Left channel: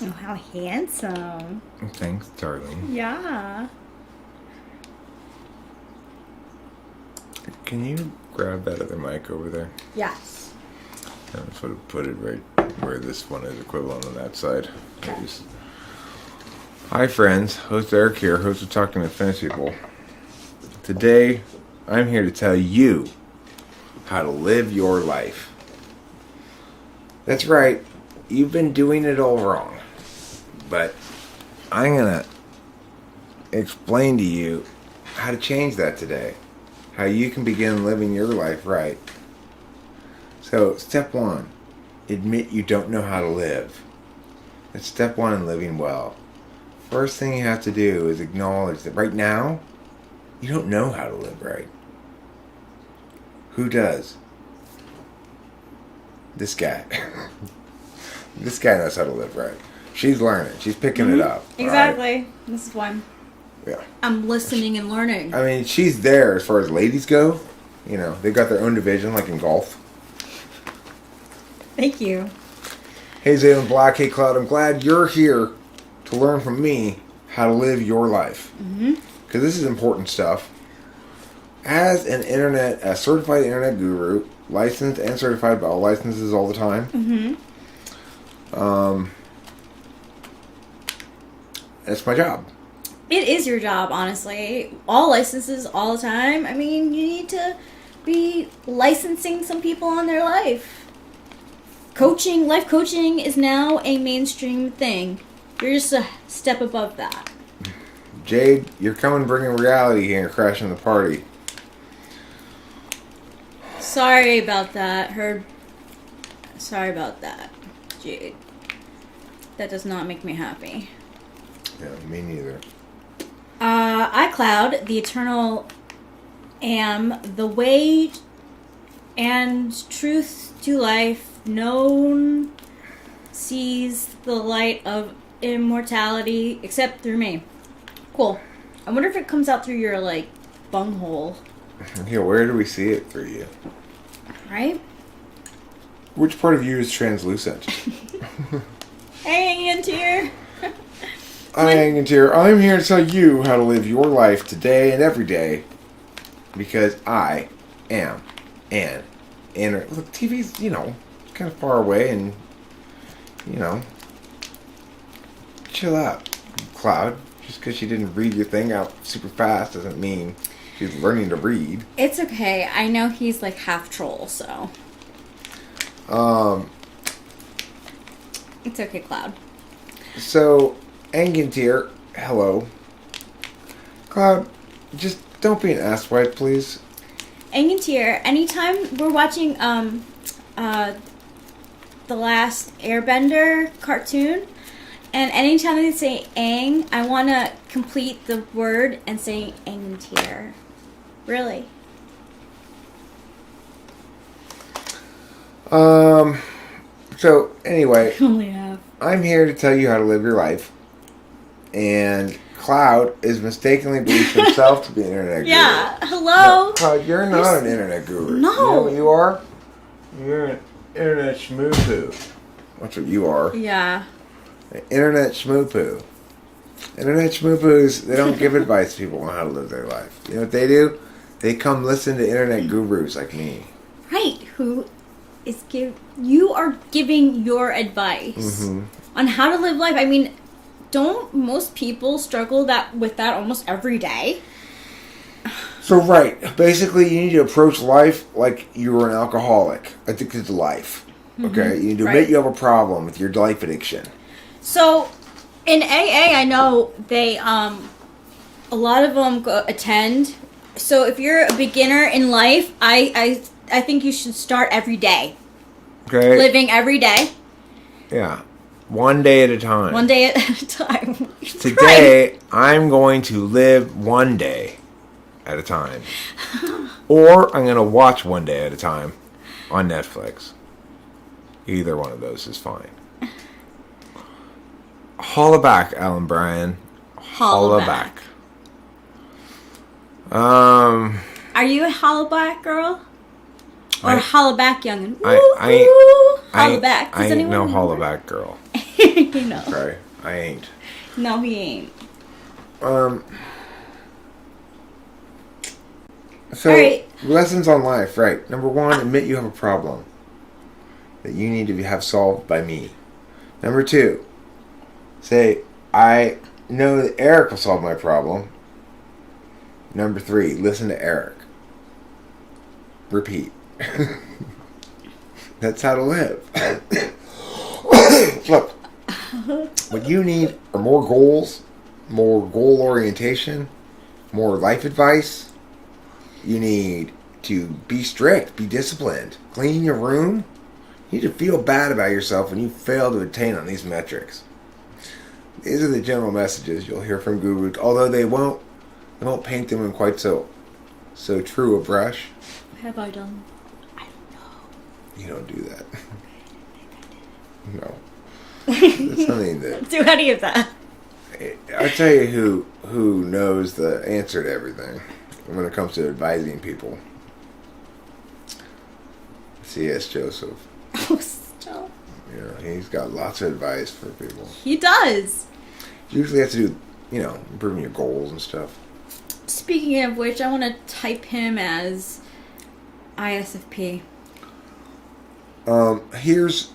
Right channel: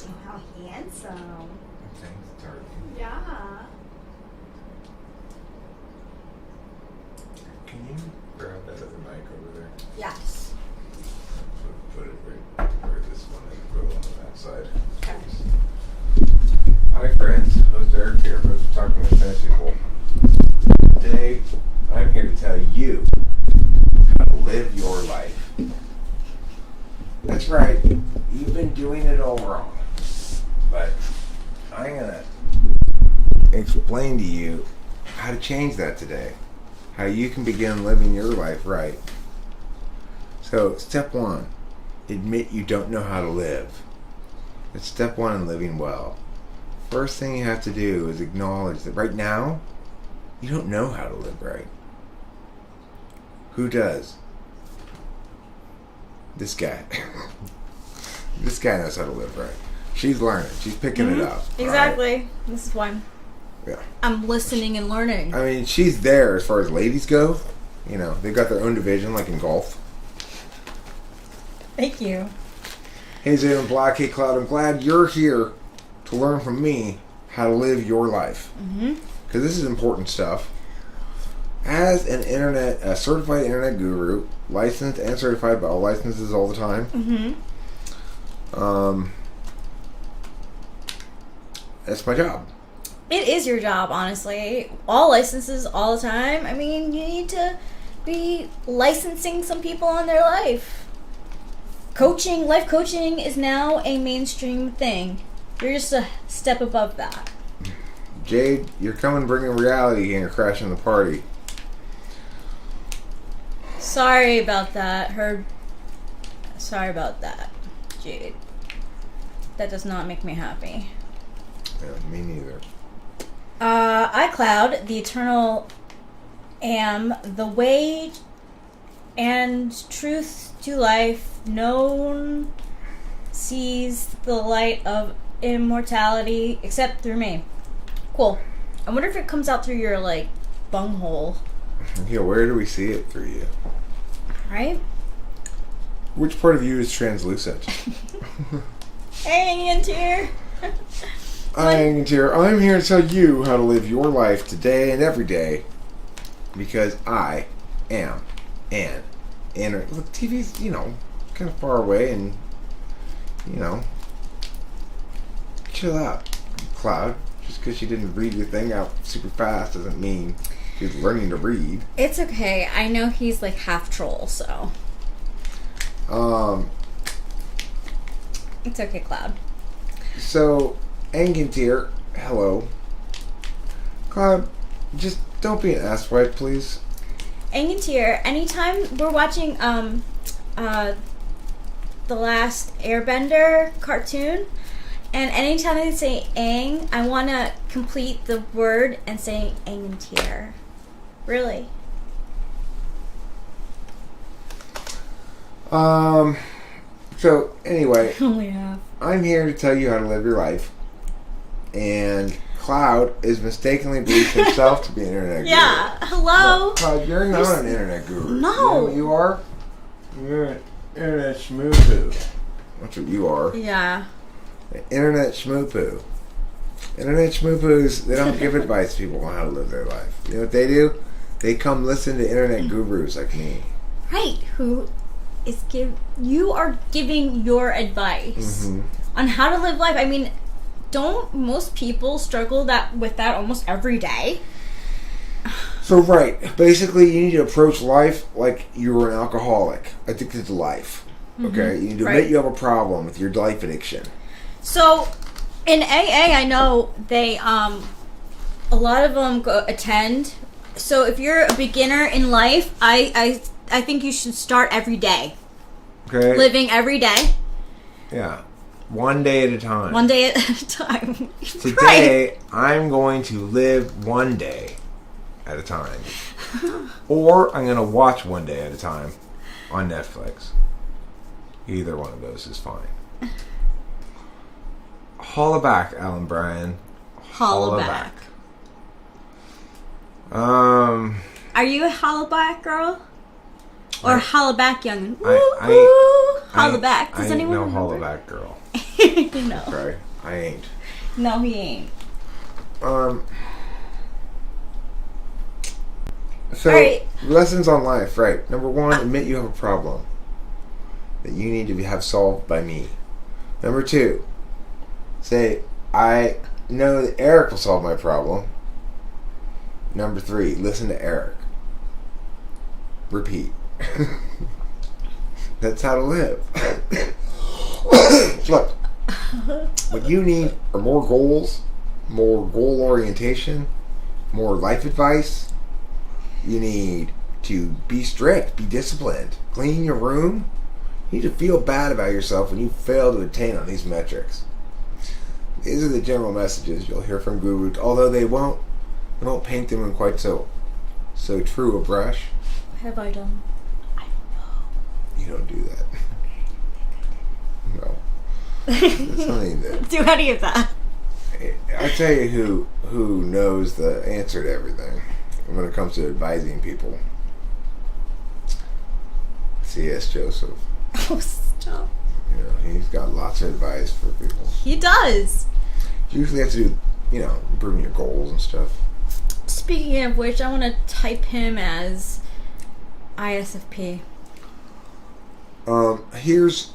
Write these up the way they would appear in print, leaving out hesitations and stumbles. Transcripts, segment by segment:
Oh, how handsome. Thanks, darling. Yeah. Can you grab that other mic over there? Yes. Put it right where this one is equivalent on that side. Okay. Please. Hi friends, host Eric here, host of Talking to Fantasy People. Today, I'm here to tell you how to live your life. That's right, you've been doing it all wrong. But I'm going to explain to you how to change that today. How you can begin living your life right. So, step one, admit you don't know how to live. That's step one in living well. First thing you have to do is acknowledge that right now, you don't know how to live right. Who does? This guy. This guy knows how to live right. She's learning. She's picking it up. Exactly. Right? This is why Yeah. I'm listening and learning. I mean, she's there as far as ladies go. You know, they've got their own division, like in golf. Thank you. Hey, Zayden Black. Hey, Cloud. I'm glad you're here to learn from me how to live your life. Because this is important stuff. As a certified internet guru, licensed and certified by all licenses all the time. That's my job. It is your job, honestly. All licenses, all the time. I mean, you need to be licensing some people on their life. Life coaching is now a mainstream thing. You're just a step above that. Jade, you're coming bringing reality here and crashing the party. Sorry about that. Sorry about that, Jade. That does not make me happy. Yeah, me neither. iCloud, the eternal am, the way and truth to life, known, sees the light of immortality, except through me. Cool. I wonder if it comes out through your, bunghole. Yeah, where do we see it through you? Right? Which part of you is translucent? Hang in here. I'm here to tell you how to live your life today and every day. Because I am an internet. Look, TV's, kind of far away and, chill out, Cloud. Just because you didn't read your thing out super fast doesn't mean you're learning to read. It's okay. I know he's half troll, so. It's okay, Cloud. So, Angantir, hello. Cloud, just don't be an asswipe, please. Angantir, anytime we're watching The Last Airbender cartoon, and anytime they say Aang, I want to complete the word and say Angantir. Really? So, anyway, Only have. I'm here to tell you how to live your life. And Cloud is mistakenly believed herself to be an internet guru. Yeah, hello? No, Cloud, you're not an internet guru. No. You know what you are? You're an internet schmoo-poo. That's what you are. Yeah. An internet schmoo-poo. Internet schmoo-poos, they don't give advice to people on how to live their life. You know what they do? They come listen to internet gurus like me. Right, you are giving your advice on how to live life. I mean, don't most people struggle with that almost every day? So, right. Basically, you need to approach life like you're an alcoholic addicted to life. Okay? You need to admit you have a problem with your life addiction. So, in AA, I know they, a lot of them attend. So, if you're a beginner in life, I think you should start every day. Okay? Living every day. Yeah. One day at a time. One day at a time. Today, I'm going to live one day at a time. Or I'm going to watch one day at a time on Netflix. Either one of those is fine. Holla back, Alan Bryan. Holla back. Are you a holla back girl? Or holla back youngin'? Woo, holla back. Does anyone I ain't no remember? holla back girl. You know. Right. I ain't. No, he ain't. So, Alright. lessons on life, right. Number one, admit you have a problem that you need to have solved by me. Number two, say, I know that Eric will solve my problem. Number three, listen to Eric. Repeat. That's how to live. Look, what you need are more goals, more goal orientation, more life advice. You need to be strict, be disciplined, clean your room. You need to feel bad about yourself when you fail to attain on these metrics. These are the general messages you'll hear from gurus, although they won't paint them in quite so true a brush. What have I done? I don't know. You don't do that. No. That's something that... Do any of that. I tell you who knows the answer to everything when it comes to advising people. C.S. Joseph. Oh, stop. You know, he's got lots of advice for people. He does. Usually has to do, improving your goals and stuff. Speaking of which, I want to type him as ISFP. Here's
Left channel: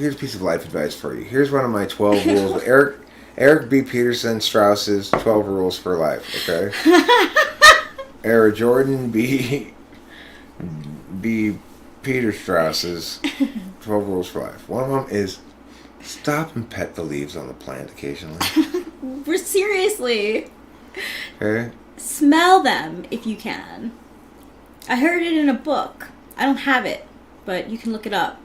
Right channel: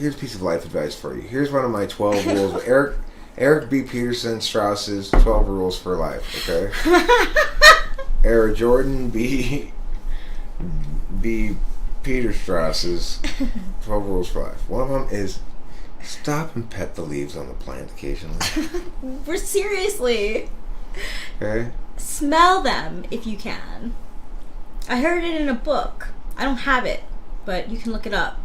a piece of life advice for you. Here's one of my 12 rules. Eric B. Peterson Strauss's 12 rules for life, okay? Eric Jordan B. Peter Strauss's 12 rules for life. One of them is stop and pet the leaves on the plant occasionally. We're seriously. Okay? Smell them if you can. I heard it in a book. I don't have it, but you can look it up.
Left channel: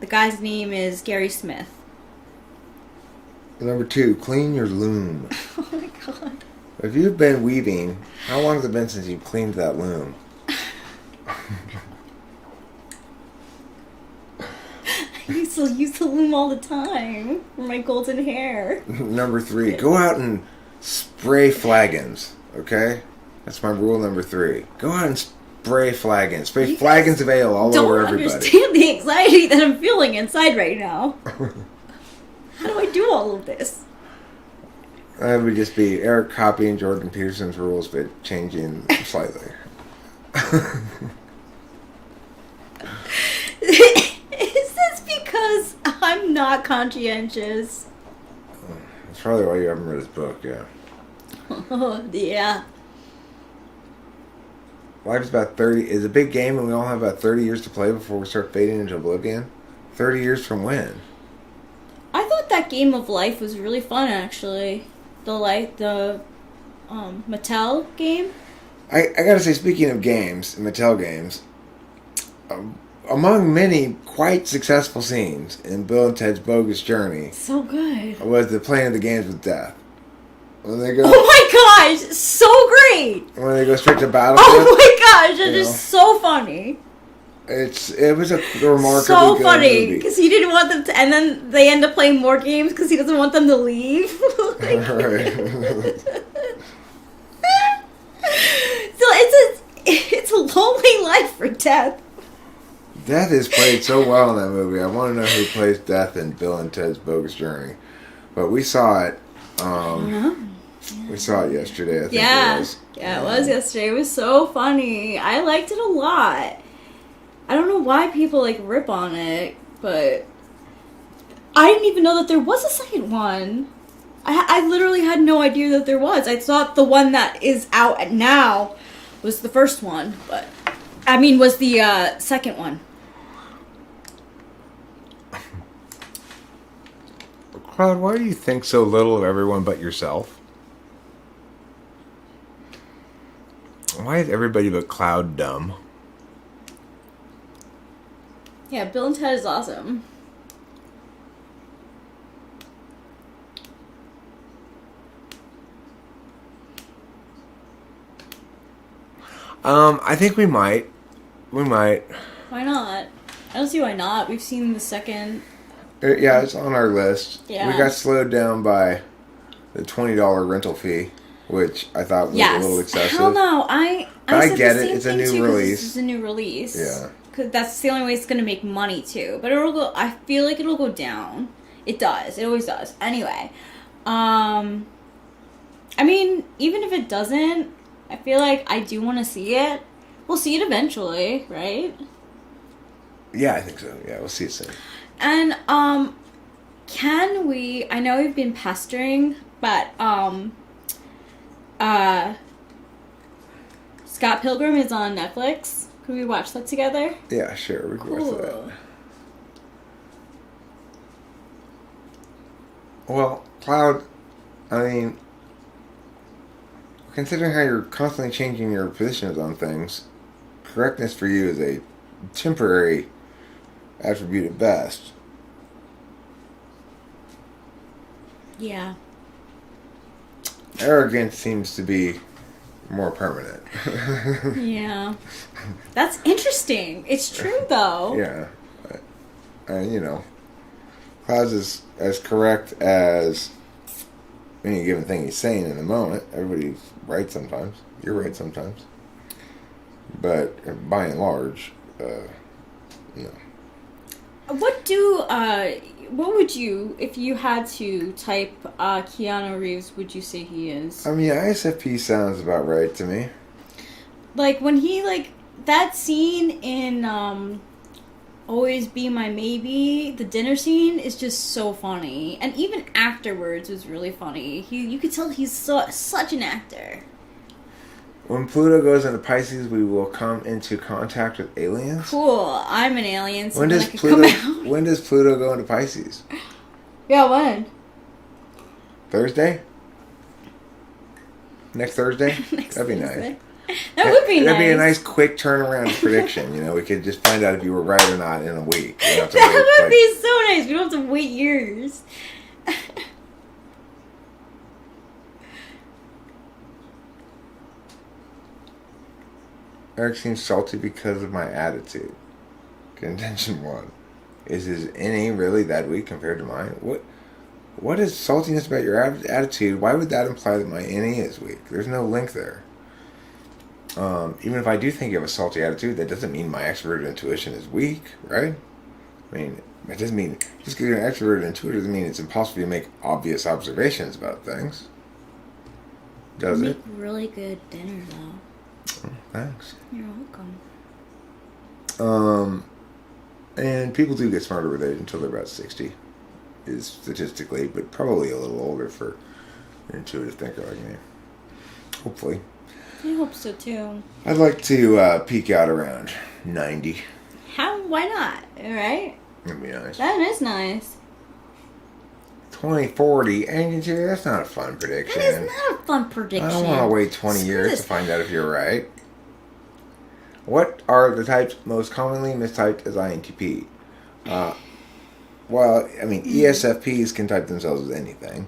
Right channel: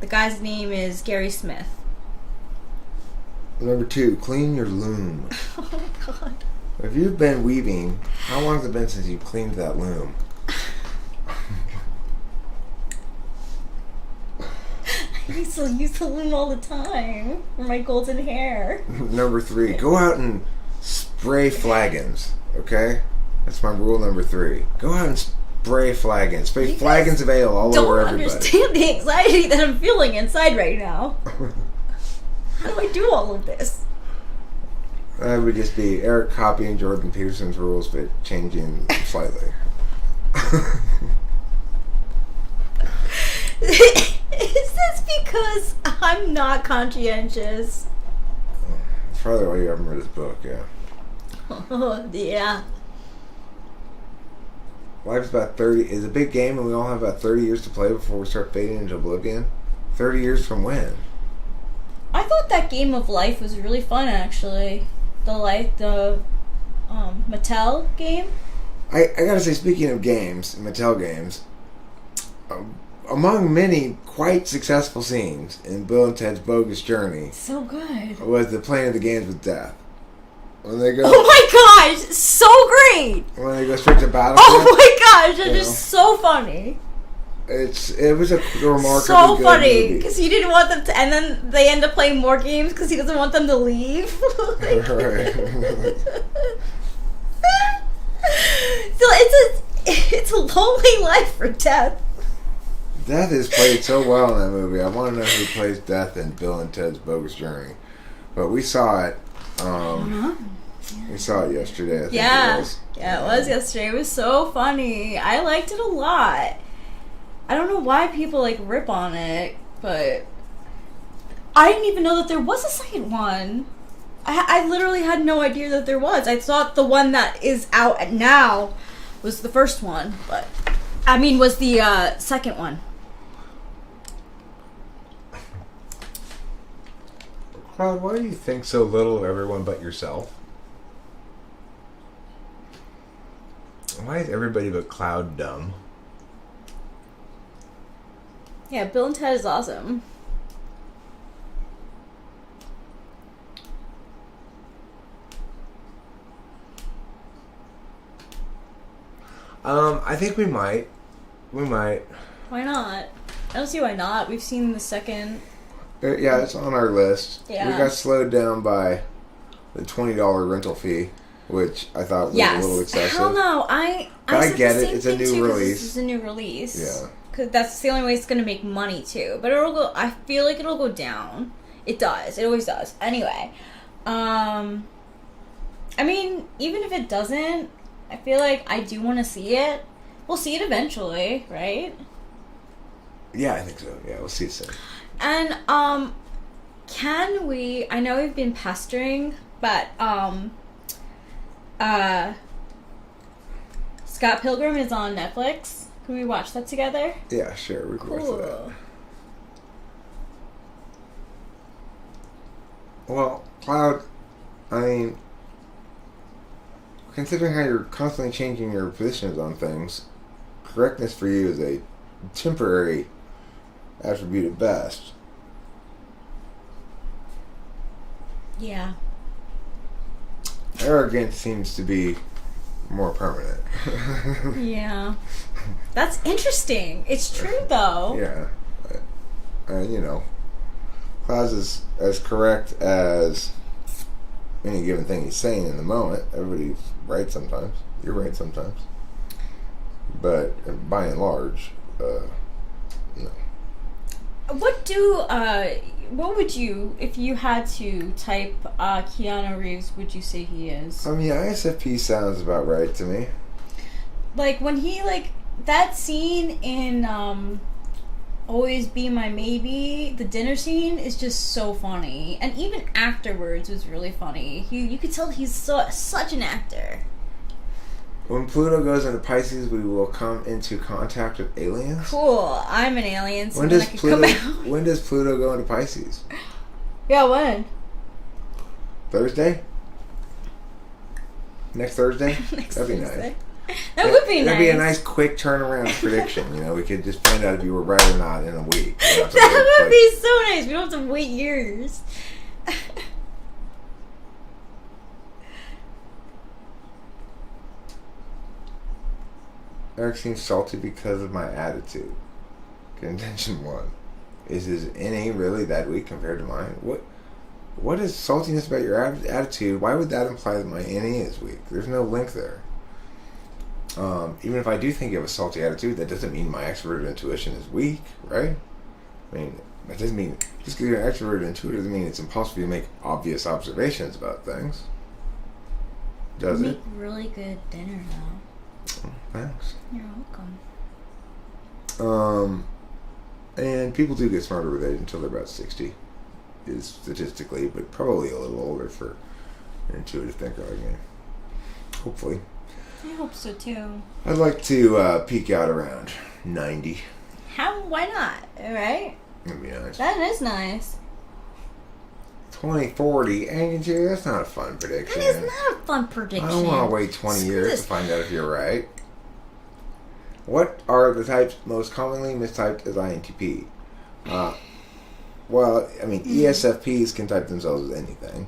The guy's name is Gary Smith. Number 2, clean your loom. Oh my god. If you've been weaving, how long has it been since you've cleaned that loom? I used to use the loom all the time for my golden hair. Number 3, go out and spray flagons, okay? That's my rule number 3. Go out and spray flagons. Spray flagons of ale all over everybody. Don't understand the anxiety that I'm feeling inside right now. How do I do all of this? That would just be Eric copying Jordan Peterson's rules, but changing them slightly. Is this because I'm not conscientious? That's probably why you haven't read his book, yeah. Oh, yeah. Life's about 30. It's a big game, and we all have about 30 years to play before we start fading into oblivion. 30 years from when? I thought that game of life was really fun, actually. The Mattel game. I gotta say, speaking of games, Mattel games, among many quite successful scenes in Bill and Ted's Bogus Journey, So good. was the playing of the games with death. When they go, Oh my gosh, so great! when they go straight to battle. Oh my gosh, that is so funny. It was a remarkable. So funny because he didn't want them to, and then they end up playing more games because he doesn't want them to leave. Like, Right. so it's a lonely life for Death. Death is played so well in that movie. I want to know who plays Death in Bill and Ted's Bogus Journey. But we saw it. We saw it yesterday. I think Yeah, it was. yeah, it was yesterday. It was so funny. I liked it a lot. I don't know why people rip on it, but I didn't even know that there was a second one. I literally had no idea that there was. I thought the one that is out now was the first one, but was the second one. Cloud, why do you think so little of everyone but yourself? Why is everybody but Cloud dumb? Yeah, Bill and Ted is awesome. I think we might. We might. Why not? I don't see why not. We've seen the second. Yeah, it's on our list. Yeah. We got slowed down by the $20 rental fee, which I thought was a little excessive. Hell no. I said get the it. same It's a thing new too because release. this is a new release. Yeah. because that's the only way it's gonna make money too. But it'll go. I feel like it'll go down. It does. It always does. Anyway, I mean, even if it doesn't, I feel like I do want to see it. We'll see it eventually, right? Yeah, I think so. Yeah, we'll see it soon. And can we? I know we've been pestering, but Scott Pilgrim is on Netflix. Can we watch that together? Yeah, sure. We can watch Cool. that. Well, Cloud, I mean, considering how you're constantly changing your positions on things, correctness for you is a temporary attribute at best. Yeah. Arrogance seems to be more permanent. Yeah. That's interesting. It's true, though. Yeah. You know, Cloud's is as correct as any given thing he's saying in the moment. Everybody's right sometimes. You're right sometimes. But by and large, no. What would you, if you had to type Keanu Reeves, would you say he is? I mean, ISFP sounds about right to me. Like, when he, that scene in, Always Be My Maybe, the dinner scene is just so funny. And even afterwards was really funny. You could tell he's such an actor. When Pluto goes into Pisces, we will come into contact with aliens. Cool. I'm an alien, so then I can come out. When does Pluto go into Pisces? Yeah, when? Thursday? Next Thursday? Next That'd be Thursday. nice. That would be nice. That'd be a nice quick turnaround prediction. You know, we could just find out if you were right or not in a week. That would be so nice. We don't have to wait years. Eric seems salty because of my attitude. Contention 1. Is his innie really that weak compared to mine? What is saltiness about your attitude? Why would that imply that my innie is weak? There's no link there. Even if I do think you have a salty attitude, that doesn't mean my extroverted intuition is weak, right? I mean, that doesn't mean, just because you're an extroverted intuitive doesn't mean it's impossible to make obvious observations about things. Does Make it? really good dinner, though. Thanks. You're welcome. And people do get smarter with it until they're about 60, is statistically, but probably a little older for an intuitive thinker like me. Hopefully. I hope so, too. I'd like to peak out around 90. Why not? Alright? That'd be nice. That is nice. 2040, and that's not a fun prediction. That is not a fun prediction. I don't want to wait 20 years to find out if you're right. What are the types most commonly mistyped as INTP? Well, I mean, ESFPs can type themselves as anything.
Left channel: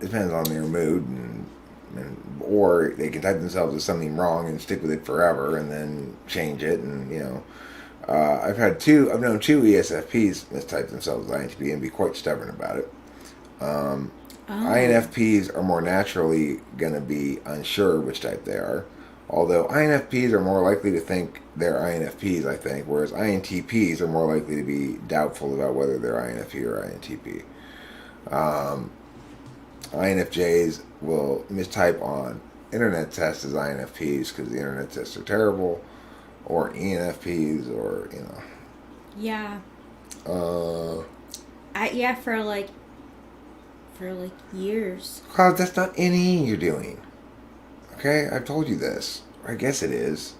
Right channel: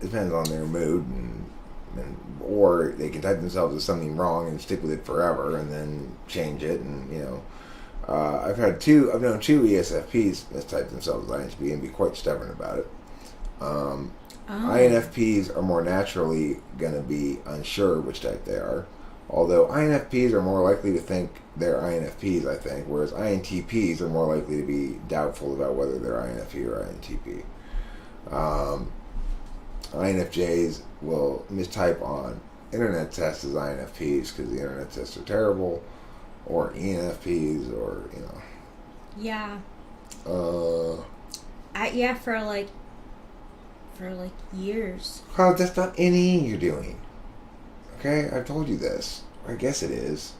Depends on their mood, or they can type themselves as something wrong and stick with it forever, and then change it, and you know. I've known two ESFPs mistype themselves as INTP and be quite stubborn about it. INFPs are more naturally going to be unsure which type they are, although INFPs are more likely to think they're INFPs, I think, whereas INTPs are more likely to be doubtful about whether they're INFP or INTP. INFJs will mistype on internet tests as INFPs because the internet tests are terrible, or ENFPs, or, you know. Yeah. For years. Cloud, that's not any you're doing. Okay, I've told you this. I guess it is.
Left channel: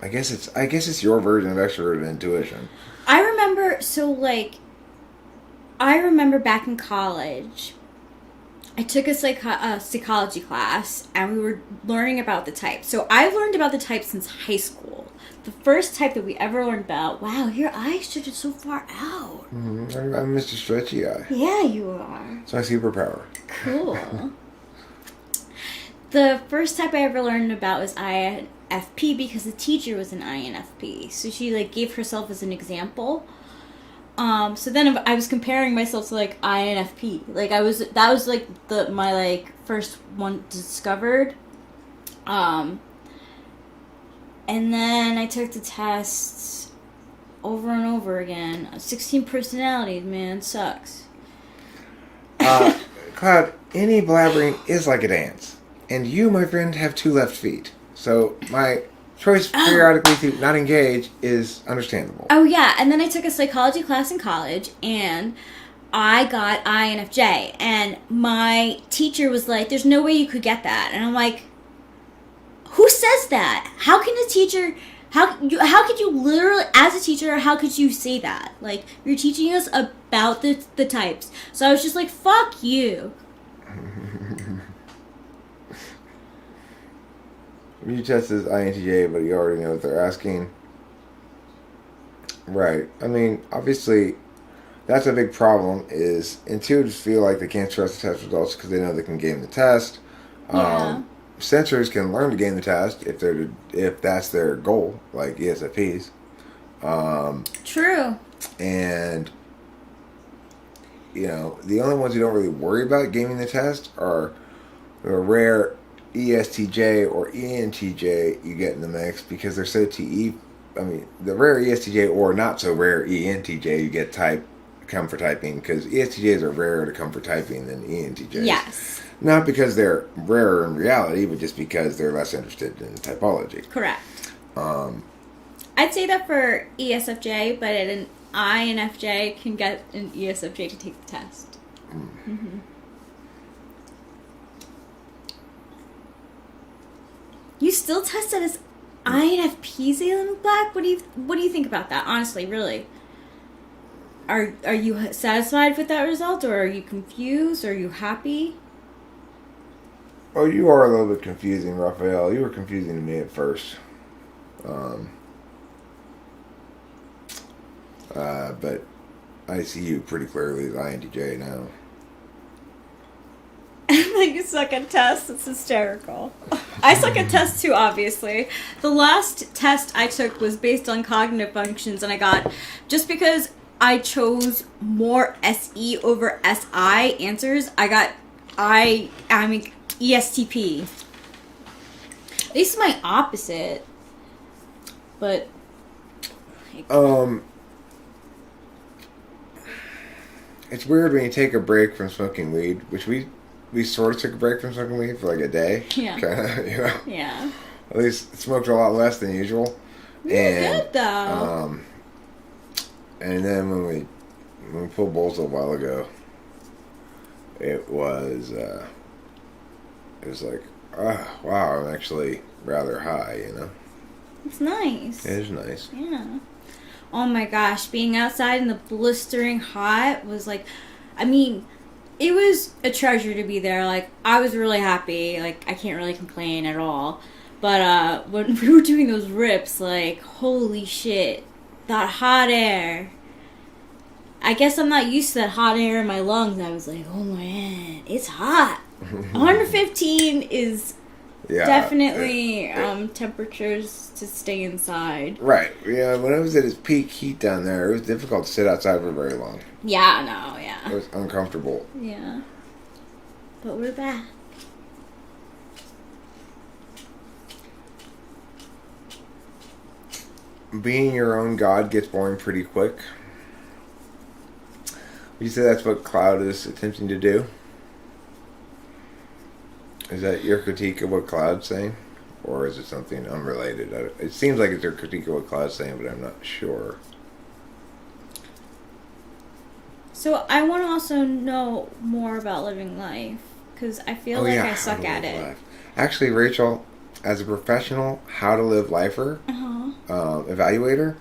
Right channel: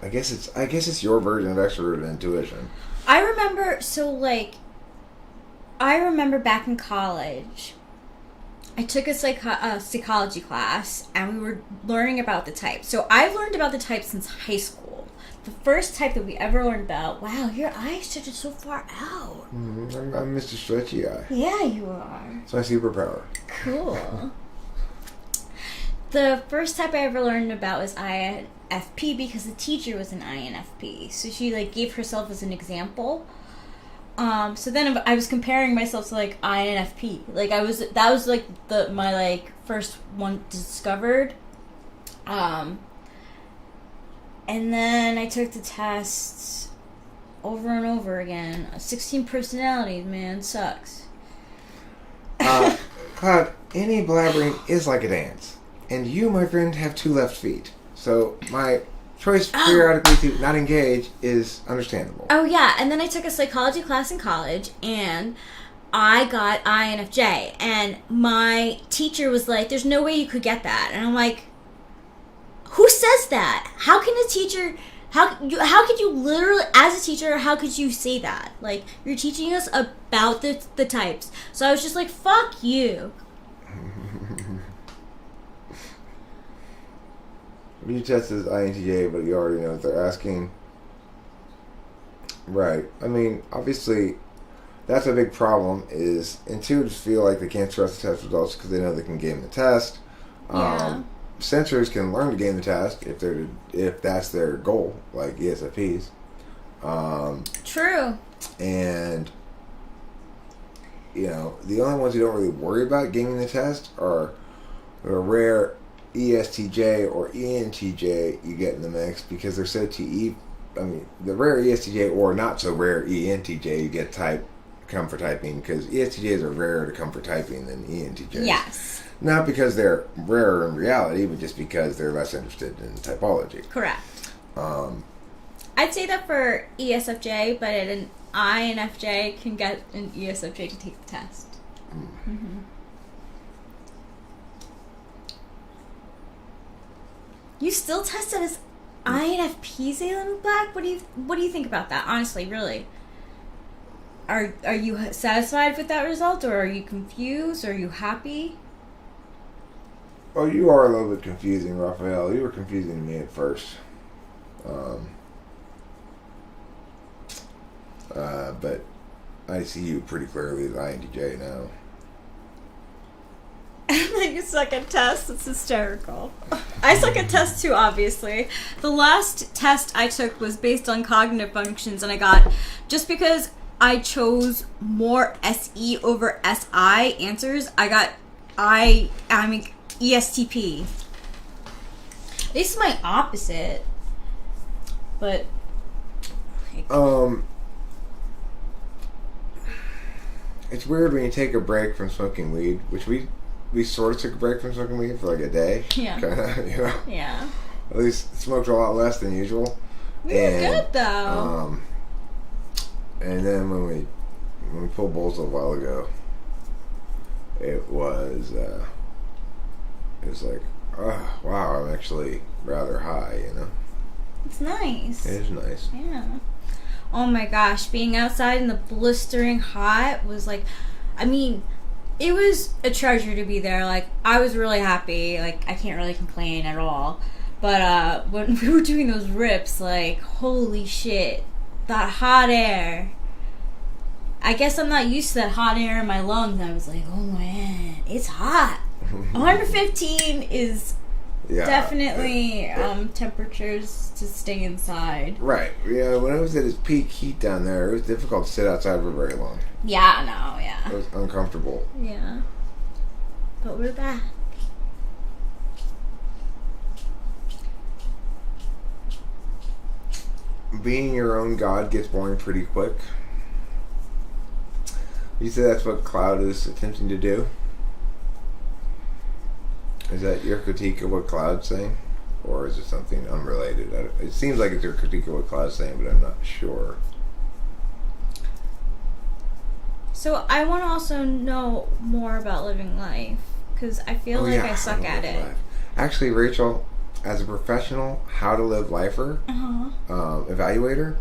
I guess it's your version of extroverted intuition. I remember back in college, I took a psychology class, and we were learning about the types. So I've learned about the types since high school. The first type that we ever learned about, wow, your eyes stretch so far out. I'm Mr. Stretchy Eye. Yeah, you are. It's my superpower. Cool. The first type I ever learned about was INFP because the teacher was an INFP. So she gave herself as an example. So then I was comparing myself to INFP. That was my first one discovered. And then I took the tests over and over again. 16 personalities, man, sucks. Cloud, any blabbering is like a dance. And you, my friend, have 2 left feet. So my choice periodically to not engage is understandable. Oh, yeah. And then I took a psychology class in college, and I got INFJ. And my teacher was like, there's no way you could get that. And I'm like, who says that? How can a teacher... How could you literally, as a teacher, how could you say that? Like, you're teaching us about the types. So I was just like, fuck you. You test as INTJ, but you already know what they're asking. Right. I mean, obviously, that's a big problem, is intuitives feel like they can't trust the test results because they know they can game the test. Yeah. Sensors can learn to game the test if that's their goal, like ESFPs. True. And, you know, the only ones who don't really worry about gaming the test are the rare ESTJ or ENTJ you get in the mix because they're so the rare ESTJ or not so rare ENTJ you get come for typing because ESTJs are rarer to come for typing than ENTJs. Yes. Not because they're rarer in reality, but just because they're less interested in typology. Correct. I'd say that for ESFJ, but an INFJ can get an ESFJ to take the test. Mm-hmm. You still tested as INFP, Zaylen Black? What do you think about that? Honestly, really. Are you satisfied with that result, or are you confused, or are you happy? Oh, you are a little bit confusing, Raphael. You were confusing to me at first. But I see you pretty clearly as INTJ now. You suck at tests. It's hysterical. I suck at tests too, obviously. The last test I took was based on cognitive functions, and I got, just because I chose more SE over SI answers, I'm ESTP. This is my opposite. But it's weird when you take a break from smoking weed, which we sort of took a break from smoking weed for like a day. Yeah. Kinda, you know? Yeah. At least smoked a lot less than usual. We were good though. And then when we pulled bowls a while ago, it was like, wow, I'm actually rather high, you know. It's nice. It is nice. Yeah. Oh my gosh, being outside in the blistering hot was like, I mean, it was a treasure to be there. Like, I was really happy. Like, I can't really complain at all. But when we were doing those rips, like, holy shit, that hot air. I guess I'm not used to that hot air in my lungs. I was like, oh man, it's hot. 115 is definitely temperatures to stay inside. Right. Yeah, when it was at its peak heat down there, it was difficult to sit outside for very long. Yeah, no, yeah. It was uncomfortable. Yeah. But we're back. Being your own god gets boring pretty quick. You say that's what Cloud is attempting to do? Is that your critique of what Cloud's saying? Or is it something unrelated? It seems like it's your critique of what Cloud's saying, but I'm not sure. So I want to also know more about living life, because I feel I suck at it. Life. Actually, Rachel, as a professional how to live lifer evaluator,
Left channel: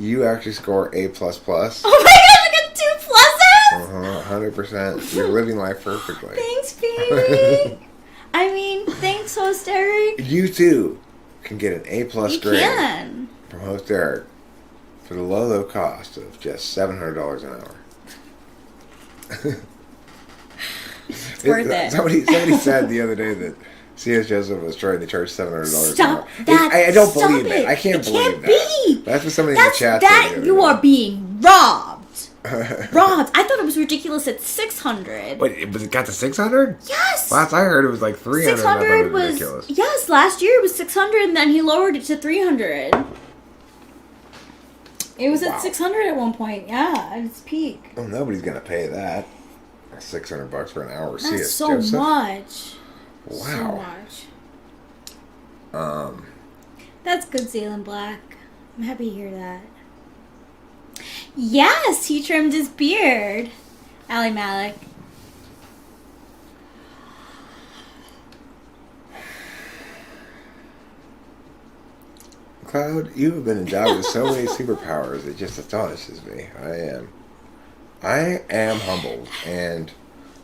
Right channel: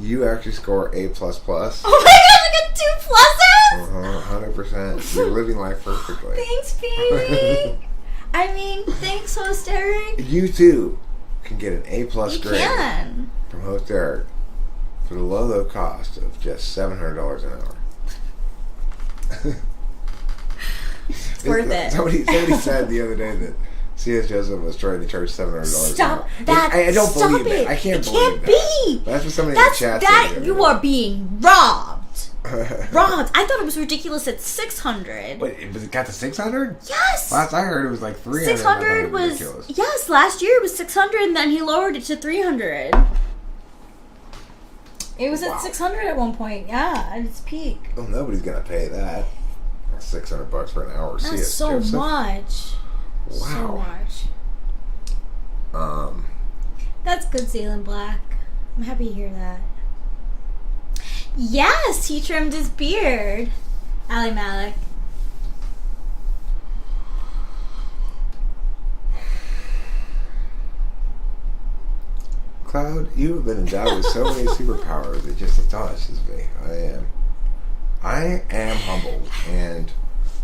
you actually score A++. Oh my god, I got 2 pluses? 100%. You're living life perfectly. Thanks, baby. I mean, thanks, host Eric. You too can get an A+ grade can. from host Eric for the low cost of just $700 an hour. It's worth it. Somebody said the other day that C.S. Joseph was trying to charge $700. Stop that! I don't Stop believe it! it. I can't it believe can't be. That's what somebody in the chat said. You are being robbed. Robbed. I thought it was ridiculous at 600. Wait, it got to 600? Yes. Last I heard it was like 300. 600 was ridiculous. yes. Last year it was 600, and then he lowered it to 300. It was at 600 at one point. Yeah, at its peak. Oh, nobody's gonna pay that. $600 for an hour. That's so much. Wow. So much. That's good, Zaylen Black. I'm happy to hear that. Yes, he trimmed his beard. Ali Malik. Cloud, you have been endowed with so many superpowers. It just astonishes me. I am humbled, and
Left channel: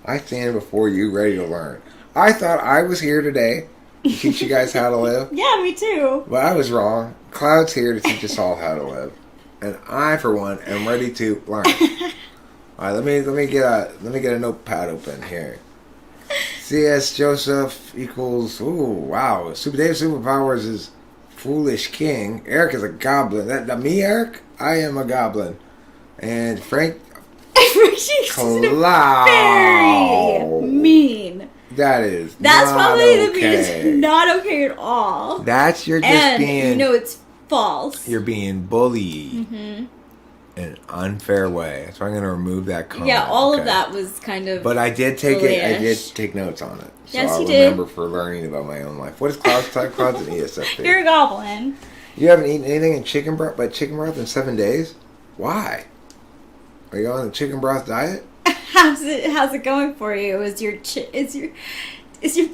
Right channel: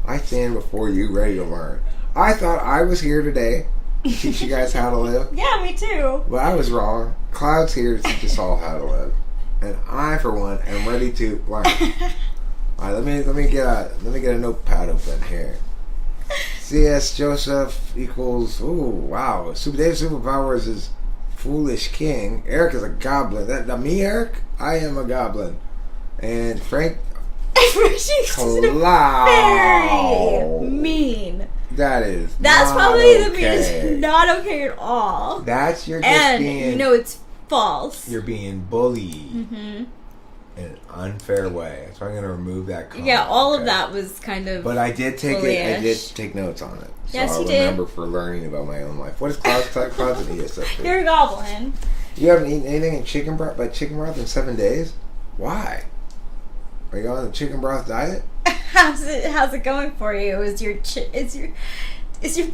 I stand before you ready to learn. I thought I was here today to teach you guys how to live, Yeah, me too. but I was wrong. Cloud's here to teach us all how to live, and I, for one, am ready to learn. All right, let me get a notepad open here. C.S. Joseph equals. Oh wow! Dave's superpowers is foolish king. Eric is a goblin. That me, Eric? I am a goblin. And Frank. Cloud. Very mean. That's probably not the meanest. okay. Not okay at all. That's your And being, you know it's false. you're being bullied Mm-hmm. in an unfair way. So I'm going to remove that comment. Yeah, all of okay? that was kind of. But I did take it. I did bullish. take notes on it. So Yes, I'll you did. remember for learning about my own life. What is Cloud's eat us up here? You're a goblin. You haven't eaten anything in chicken broth in 7 days? Why? Are you on the chicken broth diet? How's it going for you? Is your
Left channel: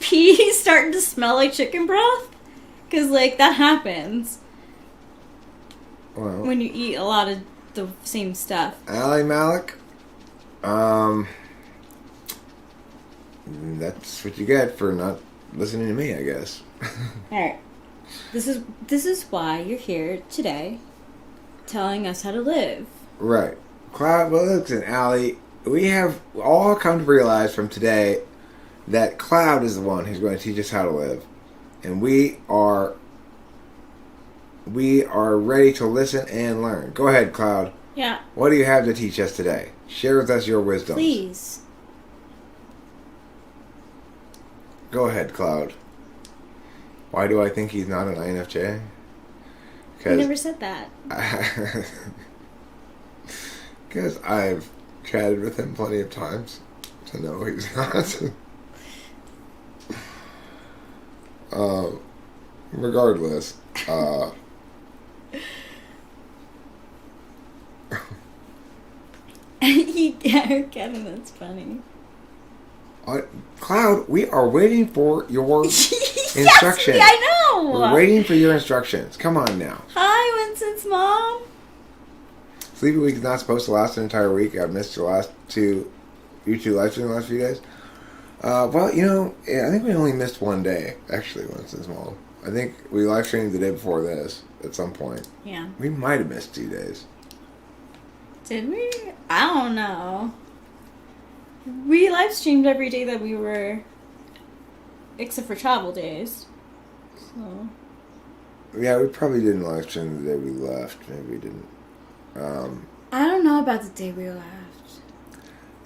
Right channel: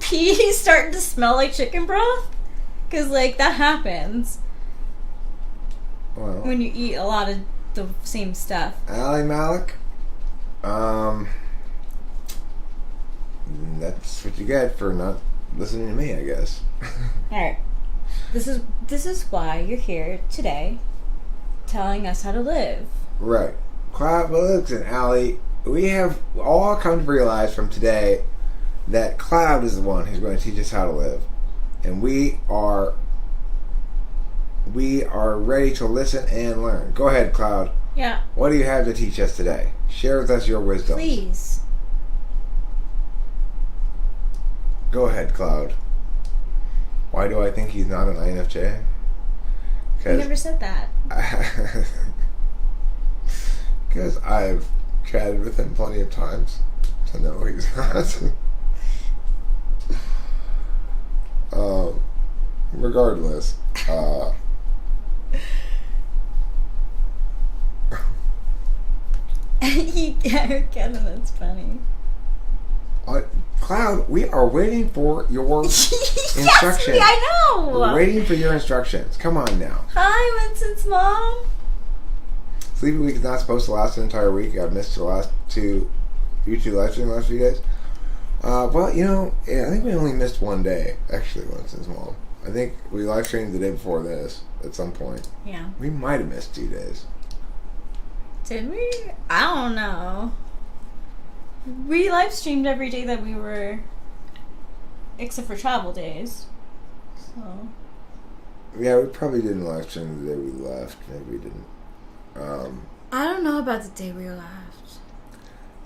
pee starting to smell like chicken broth? Because like that happens Well, when you eat a lot of the same stuff. Ali Malik, that's what you get for not listening to me, I guess. All right, this is why you're here today, telling us how to live. Right. Cloud, well, listen, Ali, we have all come to realize from today that Cloud is the one who's going to teach us how to live. And we are ready to listen and learn. Go ahead, Cloud. Yeah, What do you have to teach us today? Share with us your wisdom. please. Go ahead, Cloud. Why do I think he's not an INFJ? You never said that. Because I've chatted with him plenty of times to know he's not. Regardless, Kevin, that's funny. Cloud, we are waiting for your Yes, instructions. I know. We're waiting for your instructions. Come on now. Hi, Winston's mom. Sleepy Week is not supposed to last an entire week. I've missed the last two YouTube live streams the last few days. Well, I think we only missed one day, actually, Winston's mom. I think we live streamed the day before this at some point. Yeah. We might have missed 2 days. Did we? I don't know. We live streamed every day that we were, except for travel days. So. Yeah, we probably didn't live stream the day we left. Maybe we didn't. I don't know about the day we left.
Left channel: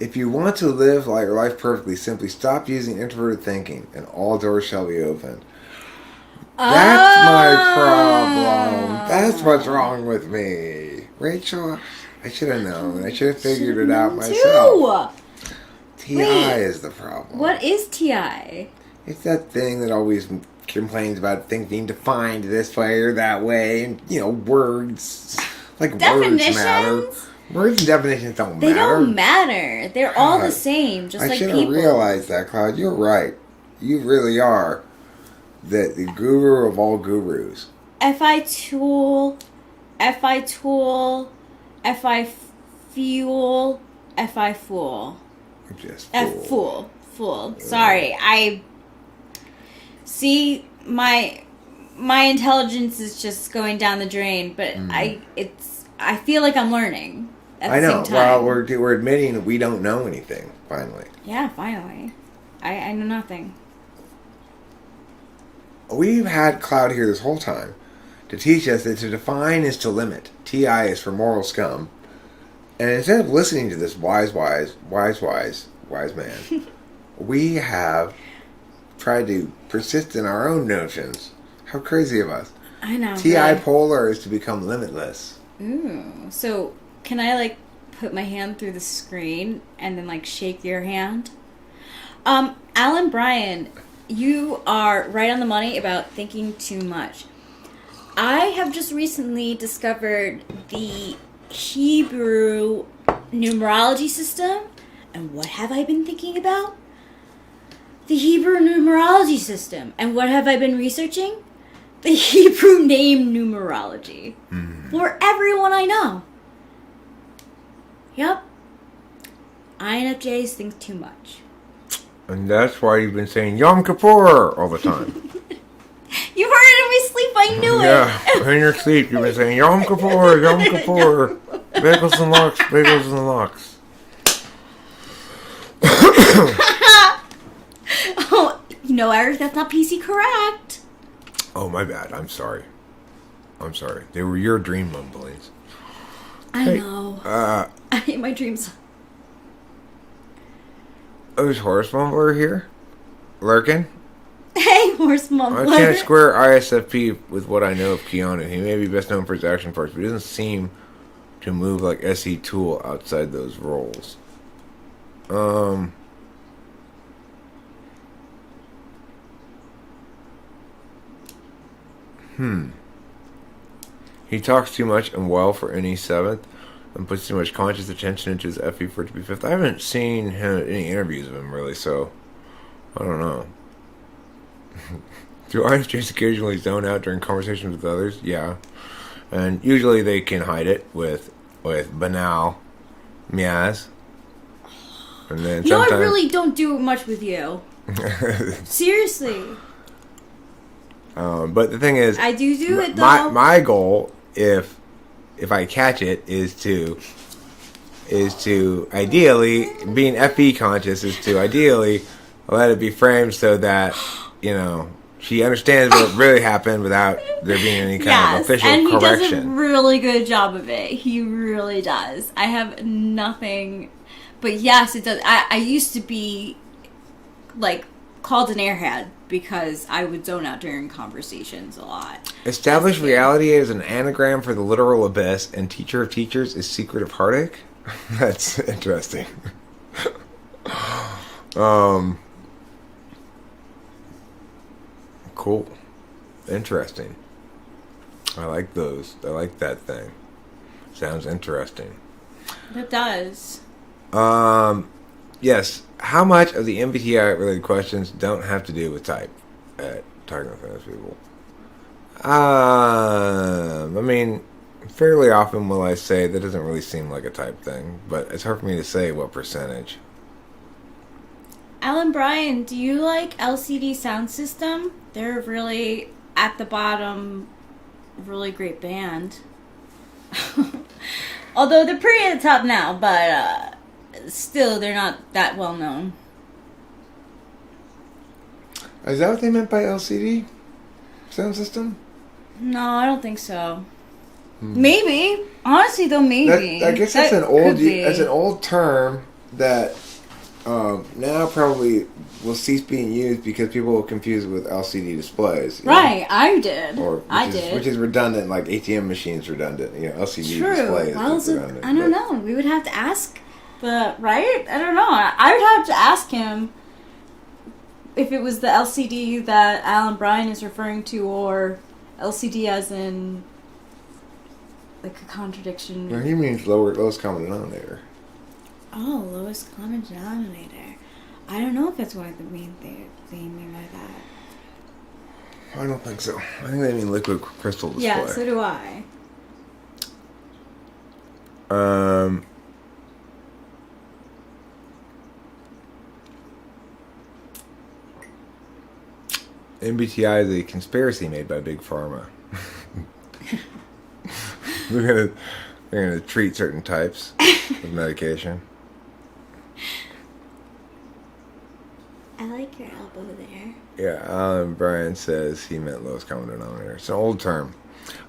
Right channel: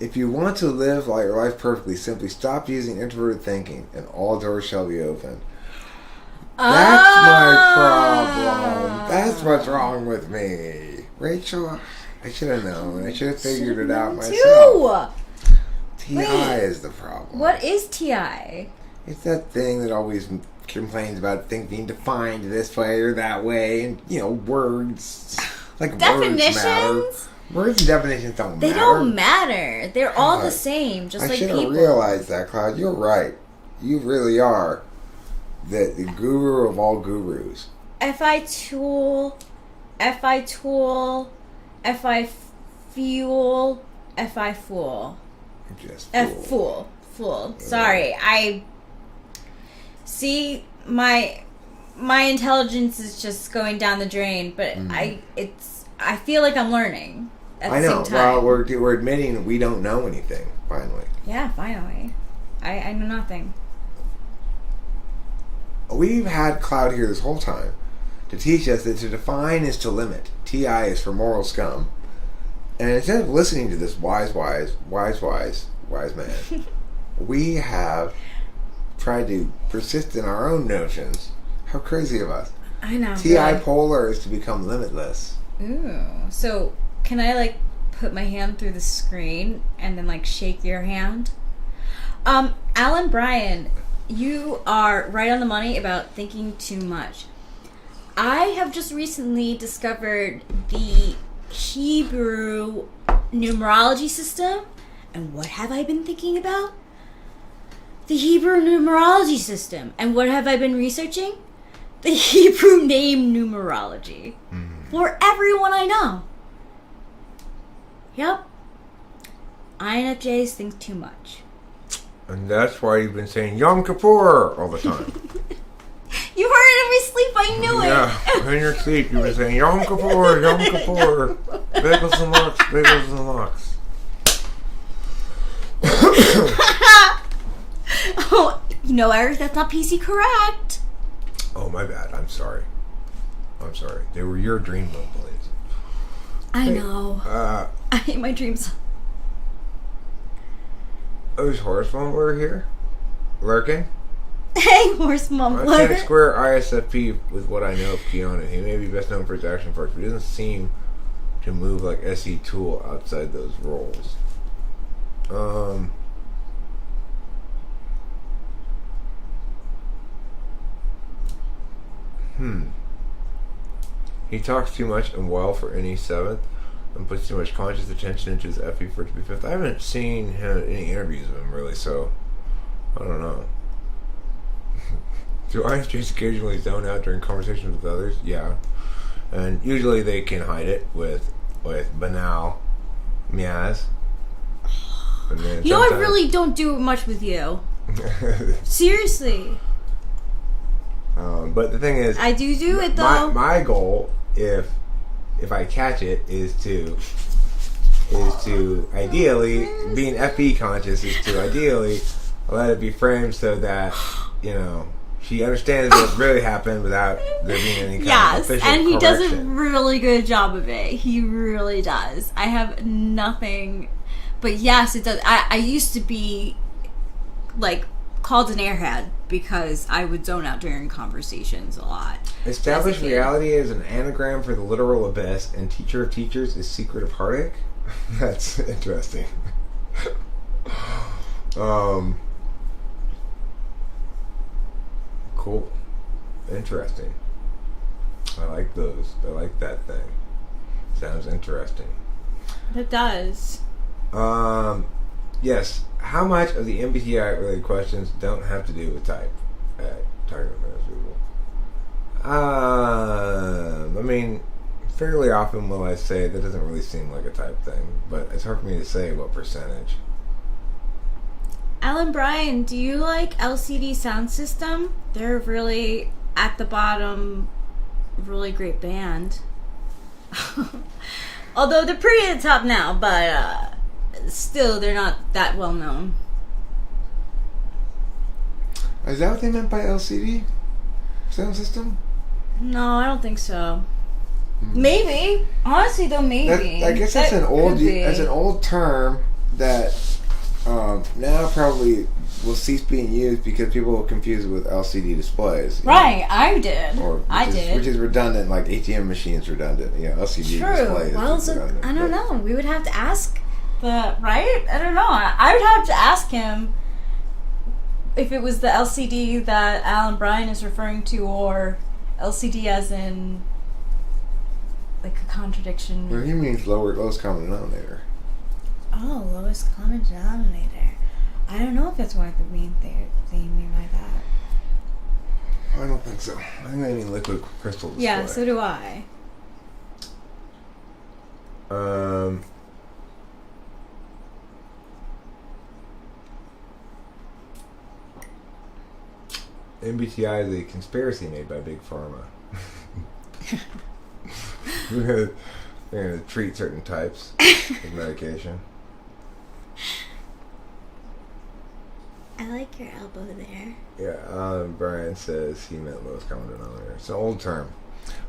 If you want to live your life perfectly, simply stop using introverted thinking, and all doors shall be open. That's my problem. That's what's wrong with me. Rachel, I should have known. I should have figured it out myself. TI is the problem. What is TI? It's that thing that always complains about things being defined this way or that way, and, words. Like Definitions? Words and definitions don't matter. They don't matter. They're all the same, just I like should people. have realized that, Cloud. You're right. You really are the guru of all gurus. FI tool, FI tool, FI fuel, FI fool. Just Fool. Sorry, I see my intelligence is just going down the drain, but I feel like I'm learning at the same time. Well, we're admitting that we don't know anything. Finally. Yeah, finally. I know nothing. We've had Cloud here this whole time to teach us that to define is to limit. TI is for moral scum. And instead of listening to this wise man, we have tried to persist in our own notions. How crazy of us. I know. T.I. Polar is to become limitless. Ooh. So, can I, like, put my hand through the screen and then, like, shake your hand? Alan Bryan, you are right on the money about thinking too much. I have just recently discovered the Hebrew numerology system. And what have I been thinking about? The Hebrew numerology system. And what have I been researching? The Hebrew name numerology. For everyone I know. Yep. INFJs think too much. And that's why you've been saying Yom Kippur all the time. You heard it in my sleep, I knew Yeah, it. in your sleep you've been saying Yom Kippur, Yom Kippur. Bagels and lox, bagels and lox. Oh, you know, Eric, that's not PC correct. Oh, my bad. I'm sorry. They were your dream mumblings. I know. I hate my dreams. Oh, is Horace Mumbler here? Lurking? Hey, horse I mumbler. can't square ISFP with what I know of Keanu. He may be best known for his action parts, but he doesn't seem to move like SE Tool outside those roles. He talks too much and well for any 7th and puts too much conscious attention into his FE for it to be 5th. I haven't seen him any interviews of him really, so I don't know. Do ISTJs occasionally zone out during conversations with others? Yeah. And usually they can hide it with banal mias. And then You know, I really don't do much with you. Seriously. But the thing is, I do it, though. My goal, if I catch it, is to ideally, being FE conscious, is to ideally let it be framed so that, you know, she understands what really happened without there being any kind of official and he does a correction. really good job of it. He really does. I have nothing, but yes, it does. I used to be like called an airhead because I would zone out during conversations a lot. Established reality is an anagram for the literal abyss, and teacher of teachers is secret of heartache. That's interesting. Cool. Interesting. I like those. I like that thing. Sounds interesting. It does. Yes. How much of the MBTI related questions don't have to do with type at Talking with Famous People? I mean, fairly often will I say that doesn't really seem like a type thing, but it's hard for me to say what percentage. Alan Bryan, do you like LCD Sound System? They're really at the bottom, really great band. Although they're pretty at the top now, but still they're not that well known. Is that what they meant by LCD sound system? No, I don't think so. Maybe. Honestly, though, maybe. I guess That that's could be. an old term that now probably will cease being used because people will confuse it with LCD displays. Right, I did. Which is redundant, like ATM machines redundant. You know, LCD True. displays. Well, so redundant, I don't know. We would have to ask right? I don't know. I would have to ask him if it was the LCD that Alan Bryan is referring to, or LCD as in like a contradiction. Well, he means lowest common denominator. Oh, lowest common denominator. I don't know if that's what they mean by that. I don't think so. I think they mean liquid crystal display. Yeah, so do I. MBTI is a conspiracy made by Big Pharma. They're gonna treat certain types of medication. I like your elbow there. Yeah, Alan Bryan says he meant lowest common denominator. It's an old term.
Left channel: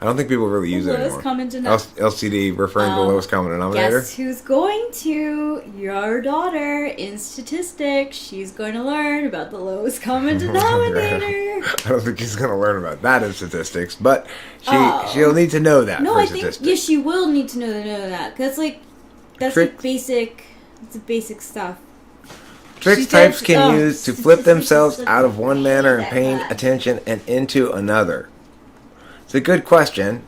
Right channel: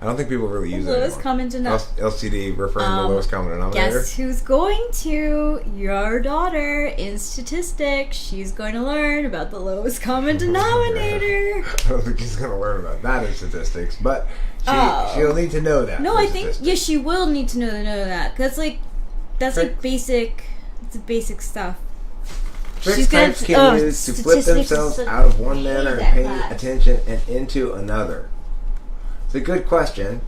I don't think people really use it Lowest anymore. common denominator. LCD referring to the lowest common denominator. Guess who's going to? Your daughter in statistics. She's going to learn about the lowest common denominator. I don't think she's going to learn about that in statistics, but Oh. she'll need to know that. No, for I think statistics. yes, she will need to know that. Cause that's Trick- like basic. It's basic stuff. Tricks She types said, can use to flip statistics themselves is out of one manner and that paying bad. attention and into another. It's a good question.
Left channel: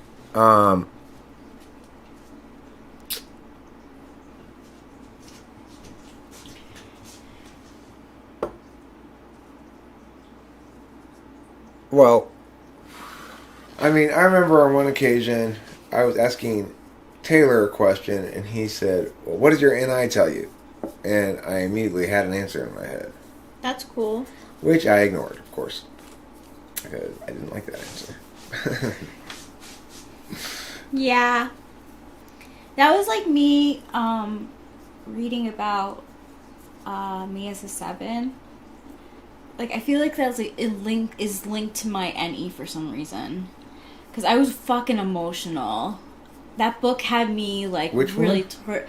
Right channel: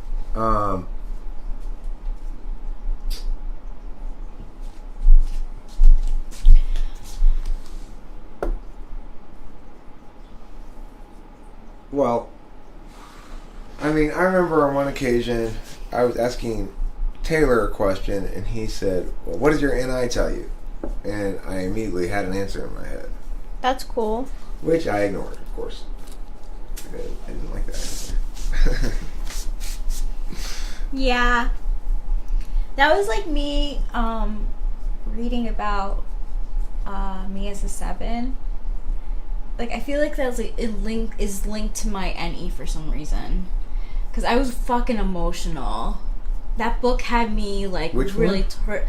Well, I mean, I remember on one occasion I was asking Taylor a question, and he said, well, "What does your NI tell you?" And I immediately had an answer in my head, That's cool. which I ignored, of course. I didn't like that answer. Yeah. That was like me reading about me as a 7. Like I feel like that's like is linked to my NE for some reason. Cuz I was fucking emotional. That book had me like Which really one?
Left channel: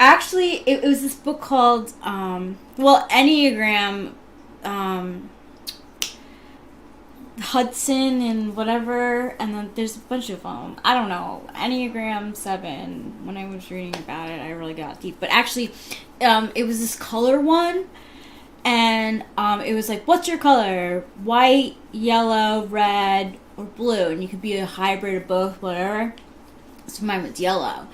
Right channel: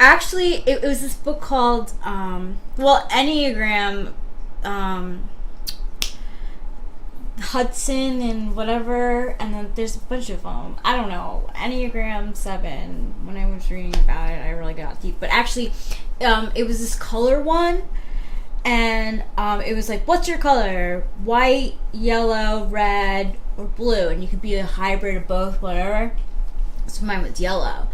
Actually, it was this book called Enneagram Hudson and whatever, and then there's a bunch of them. I don't know. Enneagram 7. When I was reading about it, I really got deep. But actually, it was this color one, and it was like, what's your color? White, yellow, red, or blue? And you could be a hybrid of both, whatever. So mine was yellow.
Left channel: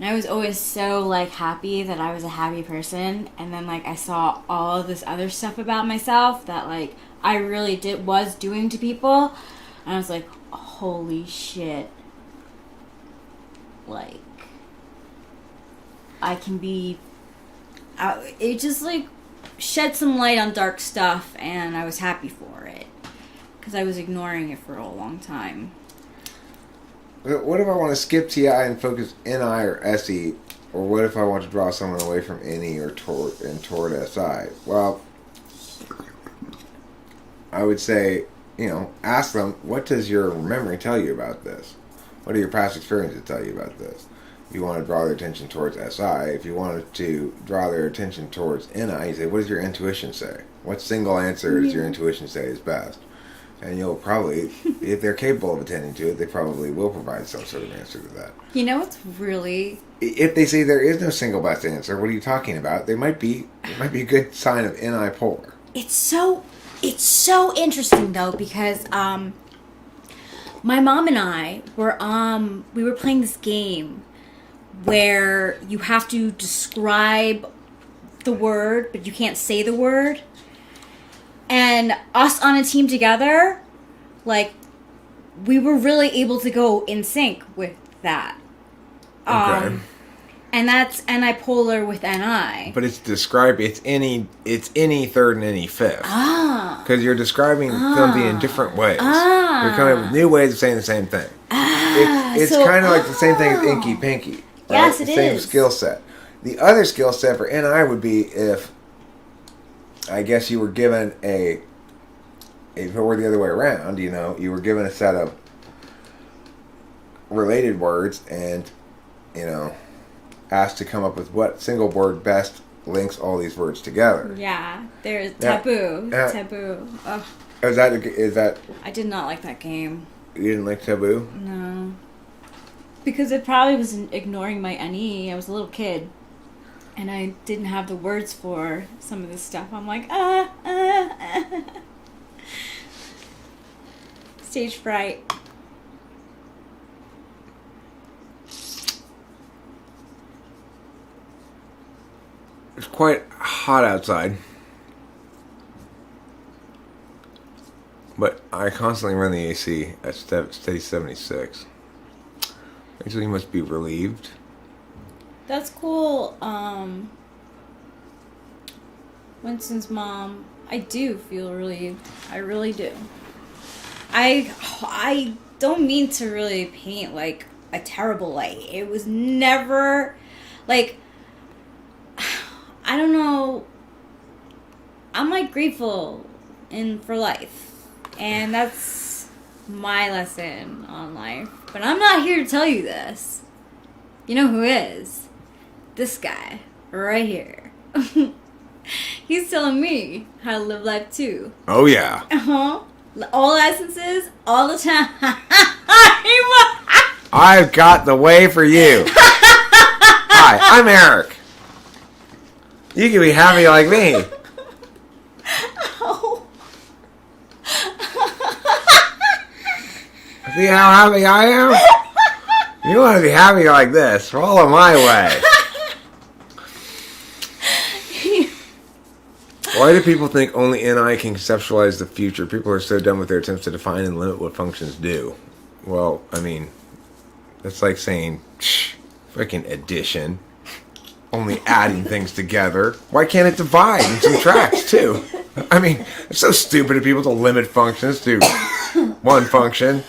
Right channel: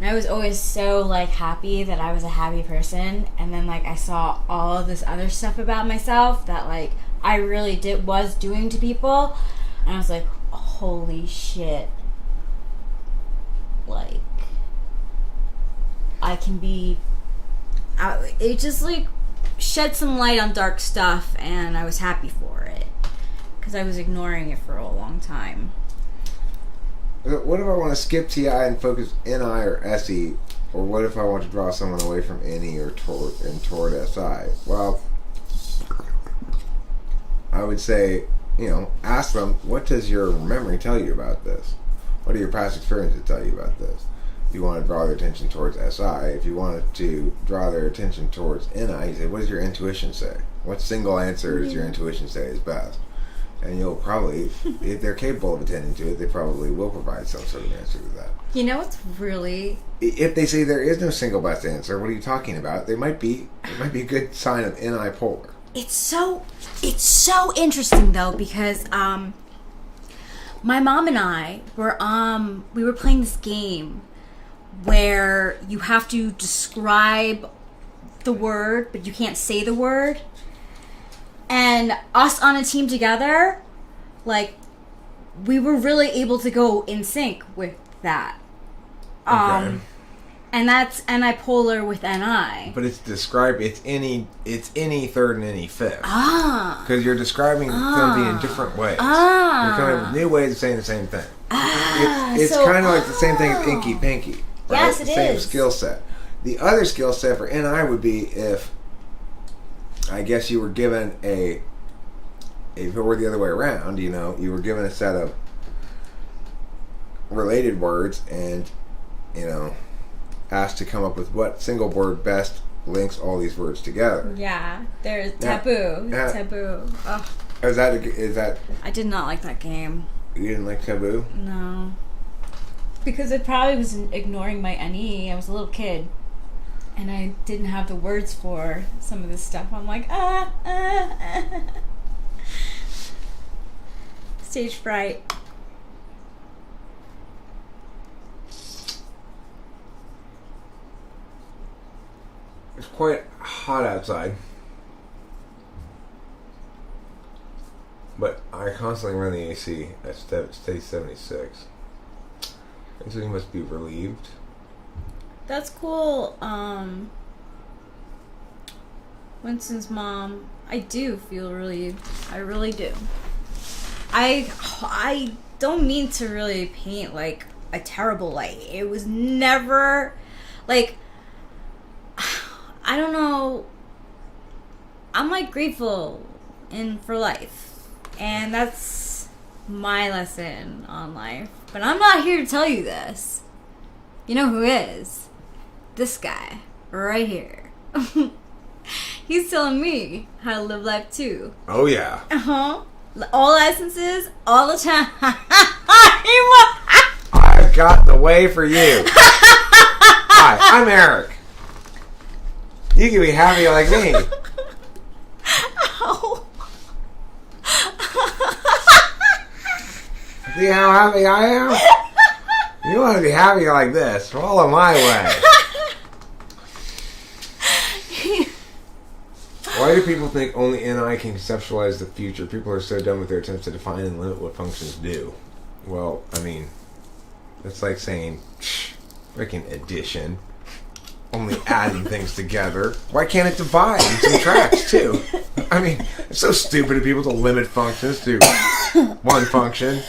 And I was always so, like, happy that I was a happy person. And then, like, I saw all of this other stuff about myself that, like, I really was doing to people. And I was like, holy shit. Like, I can be... it just, like, shed some light on dark stuff, and I was happy for it. Because I was ignoring it for a long time. But what if I want to skip TI and focus NI or SE? Or what if I want to draw someone away from NE or toward SI? Well, I would say, ask them, what does your memory tell you about this? What do your past experiences tell you about this? You want to draw their attention towards SI. If you wanted to draw their attention towards NI, you say, what does your intuition say? What single answer does your intuition say is best? And you'll probably, if they're capable of attending to it, they probably will provide some sort of answer to that. You know what's really... If they say there is no single best answer, what are you talking about? It might be a good sign of NI polar. It's so interesting though, because my mom and I were we were playing this game where you have to describe the word but you can't say the word, and us on a team together, like, we were really able to go in sync with that. Okay. And that's NI polar with NI. But it's any third and any fifth. Ah. Because you're describing something in different ways. Ah. You're kind of new ways of saying the same thing. Ah. It's So- kind of like the same thing as Inky Pinky. Yes, right? it The same is. skill set. The other skill set for NI would be if, I guess you were given if it were the other way around, you were given a set of related words and, asked to come up with what single word best links all these words together. Yeah, there's taboo. Yeah. Taboo. Ugh, Is that I did not like that game. you didn't like Taboo? No. Because it probably was ignoring my NE. I was a little kid. And I didn't have the words for some of this stuff. I'm like, Stage fright. It's quite hot outside. But I constantly run the AC at steady 76. So you must be relieved. That's cool. Winston's mom. I do feel relieved. I really do. I don't mean to really paint like a terrible light. It was never like, I don't know. I'm like grateful for life, and that's my lesson on life. But I'm not here to tell you this. You know who is? This guy right here. He's telling me how to live life too. Oh, yeah. All licenses, all the time. I've got the way for you. Hi, I'm Eric. You can be happy like me. Ow. See how happy I am? You want to be happy like this. Follow my way. Why do people think only NI can conceptualize the future? People are so done with their attempts to define and limit what functions do. Well, I mean, it's like saying, freaking addition. Only adding things together. Why can't it divide and subtract too? I mean, it's so stupid of people to limit functions to one function.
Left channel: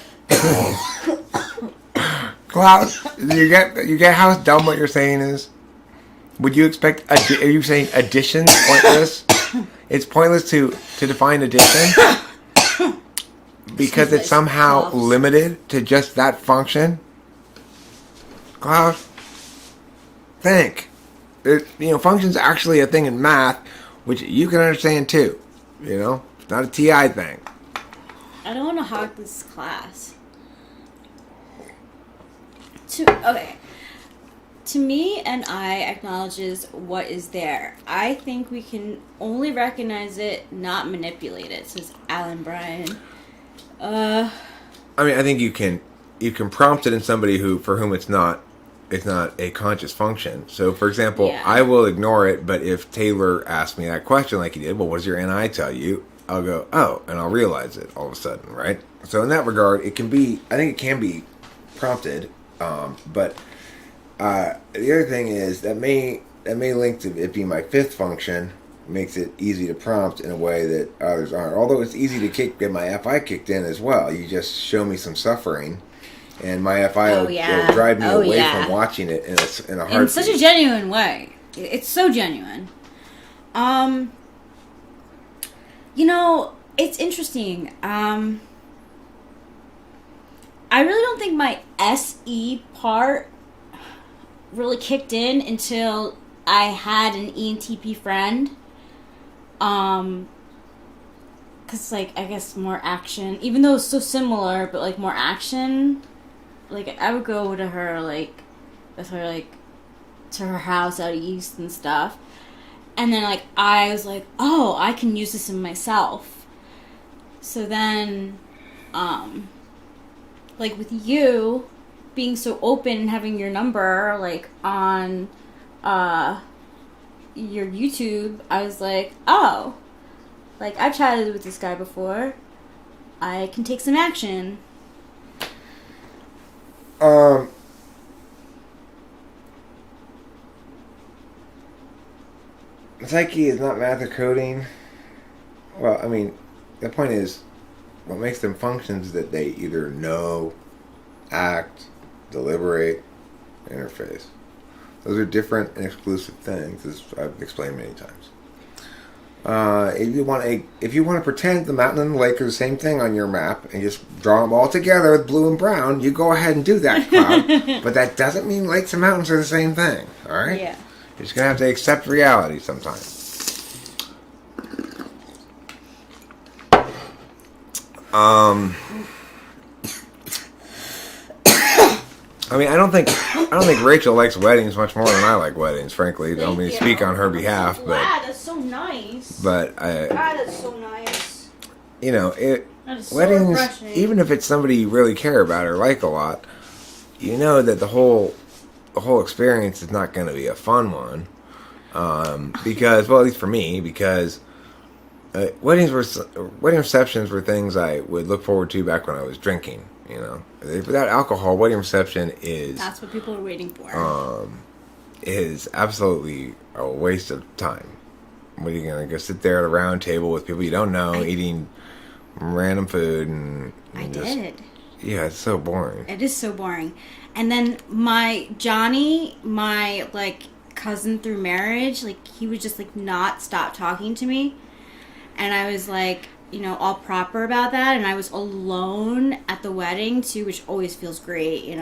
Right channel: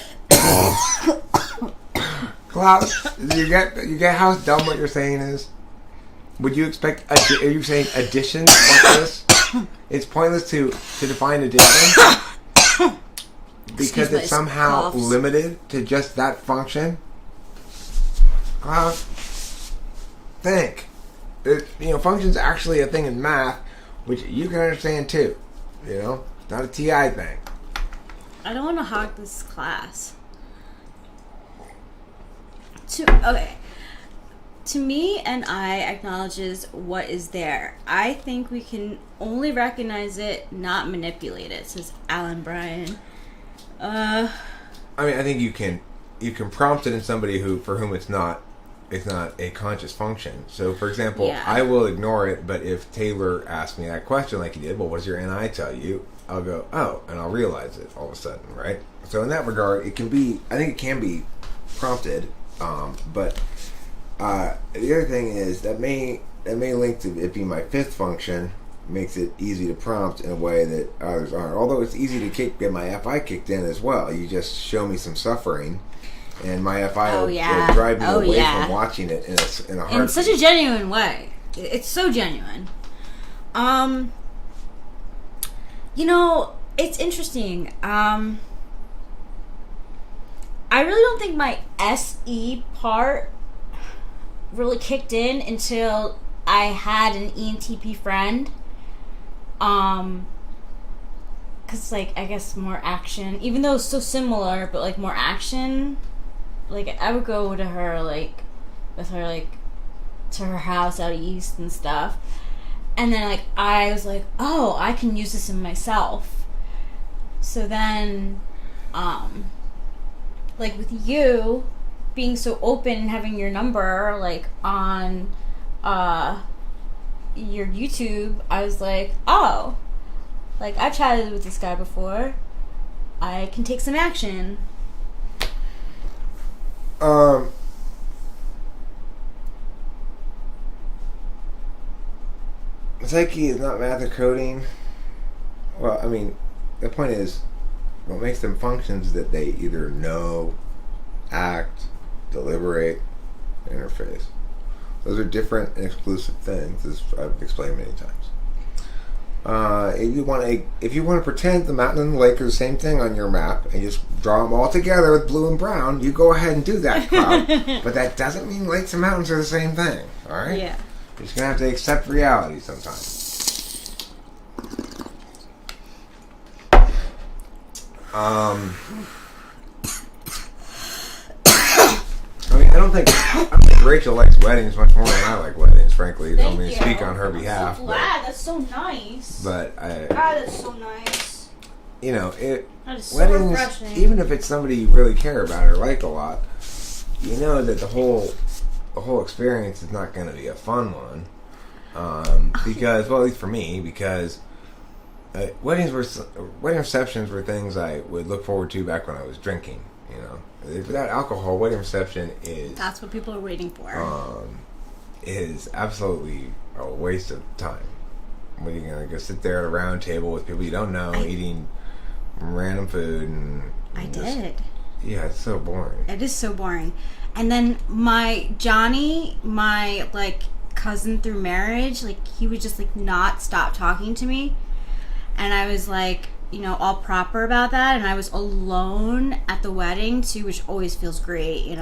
Klaus, you get how dumb what you're saying is? Would you expect? Are you saying addition is pointless? It's pointless to define addition because it's somehow limited to just that function. Klaus, think. Function's actually a thing in math, which you can understand too. It's not a TI thing. I don't want to hog this class. Okay. To me, NI acknowledges what is there. I think we can only recognize it, not manipulate it, says Alan Bryan. I think you can prompt it in somebody for whom it's not a conscious function. So, for example, Yeah. I will ignore it, but if Taylor asks me that question like he did, well, what does your NI tell you? I'll go, oh, and I'll realize it all of a sudden, right? So in that regard, I think it can be prompted, but the other thing is that may link to it being my fifth function, makes it easy to prompt in a way that others aren't. Although it's easy to get my FI kicked in as well. You just show me some suffering, and my FI will drive me away from watching it in a heartbeat. In such a genuine way. It's so genuine. It's interesting. I really don't think my SE part really kicked in until I had an ENTP friend. Cause I guess more action, even though it's so similar, but more action. I would go to her, with her, to her house out east and stuff. And then, I was like, oh, I can use this in myself. So then, with you being so open and having your number, on, your YouTube, I was like, oh, I've chatted with this guy before. I can take some action. Psyche is not math or coding. Well, the point is, what makes them functions is that they either know, act, deliberate, interface. Those are different and exclusive things, as I've explained many times. If you want to pretend the mountain and the lake are the same thing on your map and just draw them all together with blue and brown, you go ahead and do that, Cloud. But that doesn't mean lakes and mountains are the same thing, all right? Yeah. You're just going to have to accept reality sometimes. I don't think Rachel likes weddings much more than I like weddings, frankly. Don't mean to speak on her behalf. I'm glad. That's so nice. But that's so nice. That is so weddings, refreshing. even if it's somebody you really care about or like a lot, that the whole experience is not going to be a fun one. Because, well, at least for me, because wedding receptions were things I would look forward to back when I was drinking. Without alcohol, wedding reception that's what people are waiting for. Is absolutely a waste of time. What are you going to go sit there at a round table with people you don't know, eating random food? I did. Yeah, it's so boring. It is so boring. And then my Johnny, my cousin through marriage, he would just not stop talking to me. And I was like, all proper about that, and I was alone at the wedding too, which always feels great, and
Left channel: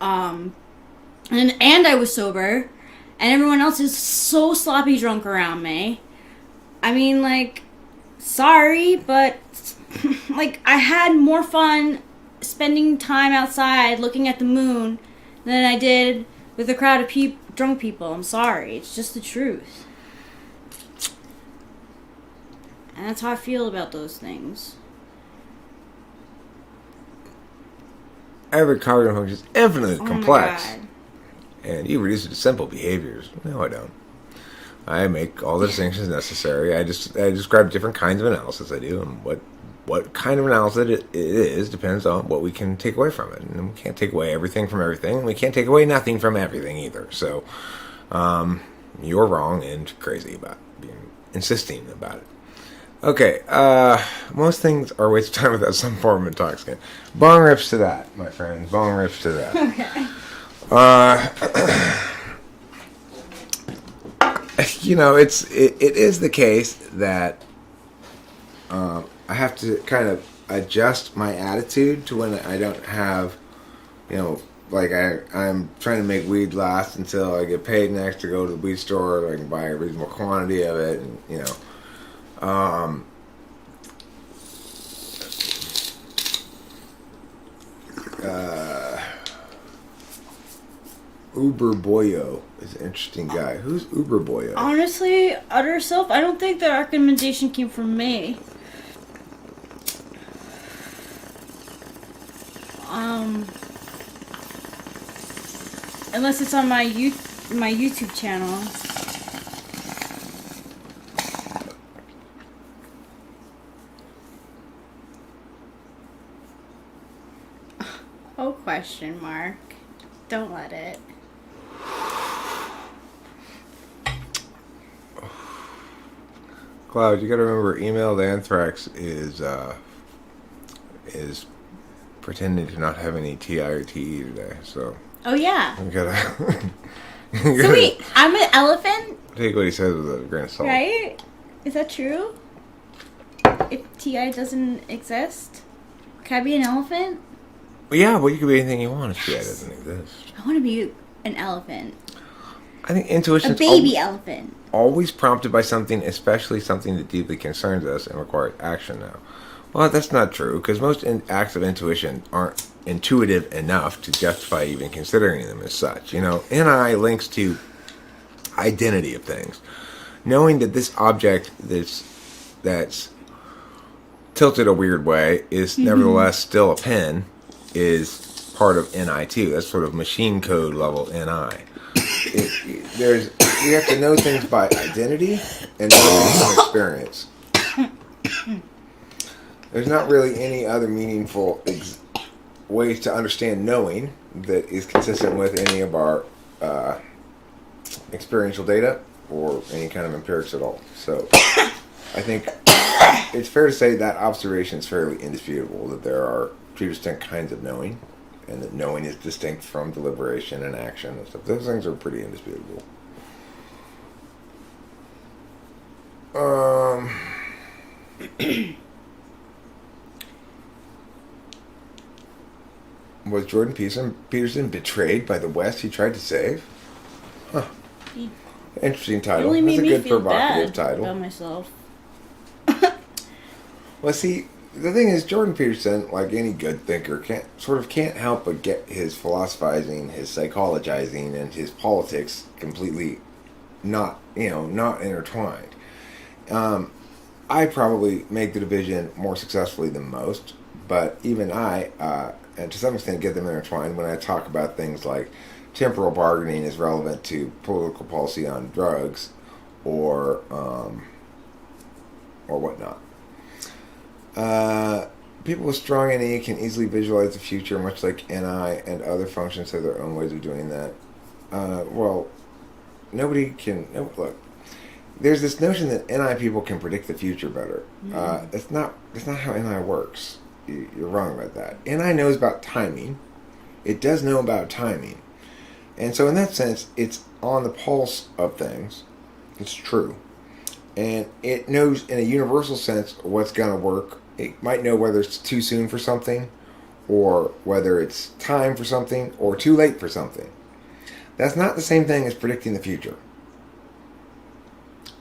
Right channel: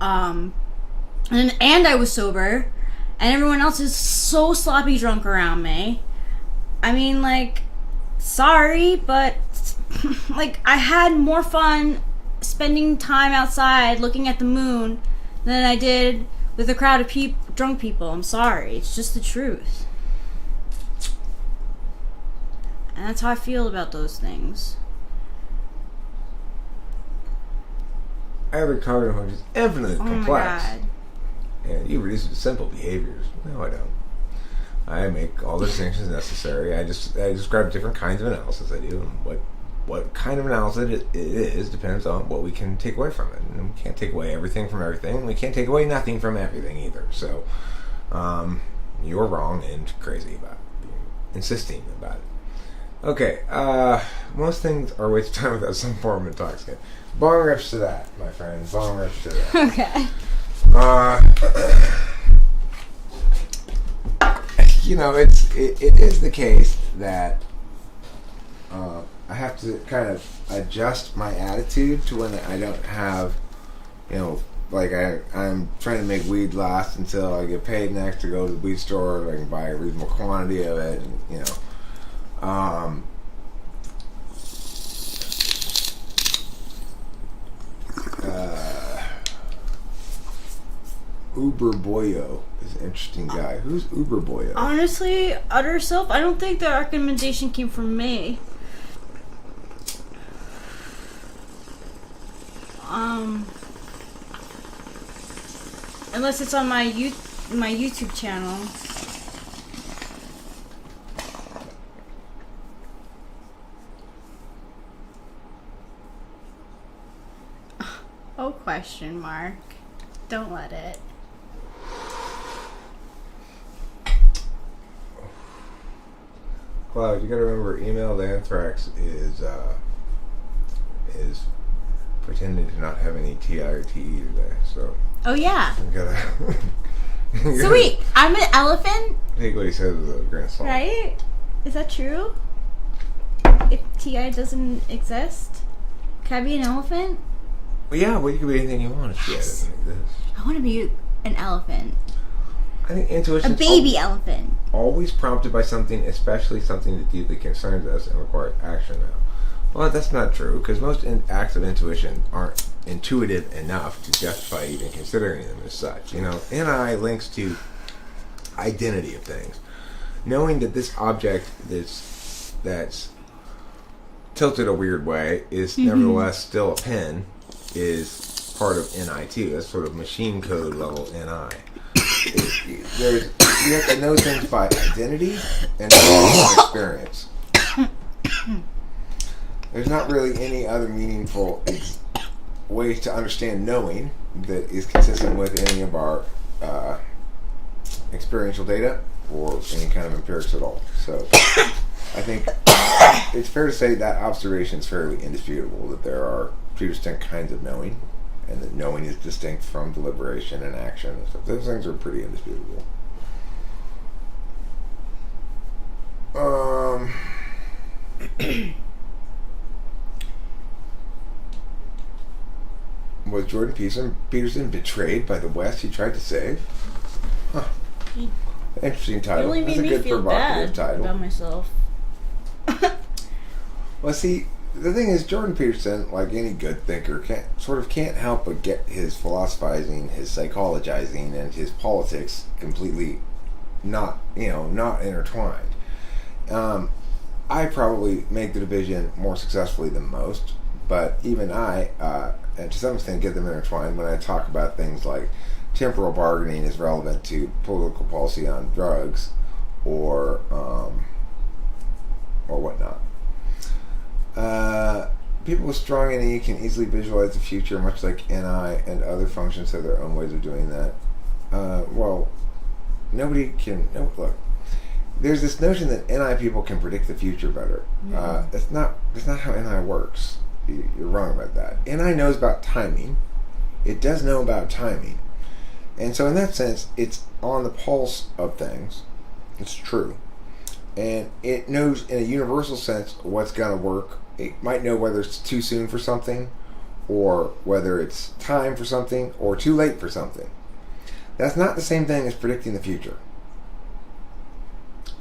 I was sober, and everyone else is so sloppy drunk around me. I mean, like, sorry, but like, I had more fun spending time outside looking at the moon than I did with a crowd of drunk people. I'm sorry, it's just the truth. And that's how I feel about those things. Every cognitive function is infinitely complex. My God. And you reduce it to simple behaviors. No, I don't. I make all the distinctions necessary. I describe different kinds of analysis I do, and what kind of analysis it is depends on what we can take away from it. And we can't take away everything from everything. We can't take away nothing from everything either. So, you're wrong and crazy about insisting about it. Okay, most things are a waste of time without some form of intoxicant. Bong rips to that, my friend. Bong rips to that. Okay. It is the case that I have to kind of adjust my attitude to when I don't have, like I'm trying to make weed last until I get paid next to go to the weed store, so I can buy a reasonable quantity of it, and Uber Boyo is an interesting guy. Who's Uber Boyo? Honestly, utter self, I don't think the recommendation came from me. Unless it's on my YouTube channel. Oh, question mark. Don't let it. Cloud, you gotta remember, emailed anthrax is pretending to not have any TI or TE today, so. Oh, yeah. You gotta. So wait, I'm an elephant? Take what he says with a grain of salt. Right? Is that true? If TI doesn't exist? Can I be an elephant? Yeah, well, you can be anything you want if TI doesn't exist. I want to be an elephant. I think intuition. A baby elephant. Always prompted by something, especially something that deeply concerns us and requires action now. Well, that's not true, because most acts of intuition aren't intuitive enough to justify even considering them as such. NI links to identity of things. Knowing that this object that's tilted a weird way is nevertheless still a pen is part of NI too. That's sort of machine code level NI. We have to know things by identity and experience. There's not really any other meaningful ways to understand knowing that is consistent with any of our experiential data or any kind of empirics at all. So I think it's fair to say that observation is fairly indisputable, that there are two distinct kinds of knowing, and that knowing is distinct from deliberation and action and stuff. Those things are pretty indisputable. Was Jordan Peterson betrayed by the West he tried to save? Huh. Interesting title. It only made me feel bad title. about myself. Well, see, the thing is, Jordan Peterson, like any good thinker, can't help but get his philosophizing, his psychologizing, and his politics completely not intertwined. I probably make the division more successfully than most, but even I, and to some extent, get them intertwined when I talk about things like temporal bargaining is relevant to political policy on drugs, or whatnot. People with strong NE can easily visualize the future, much like NI and other functions have their own ways of doing that. Nobody can look. There's this notion that NI people can predict the future better. It's not how NI works. You're wrong about that. NI knows about timing. It does know about timing. And so in that sense, it's on the pulse of things. It's true. and it knows in a universal sense what's going to work. It might know whether it's too soon for something, or whether it's time for something, or too late for something. That's not the same thing as predicting the future.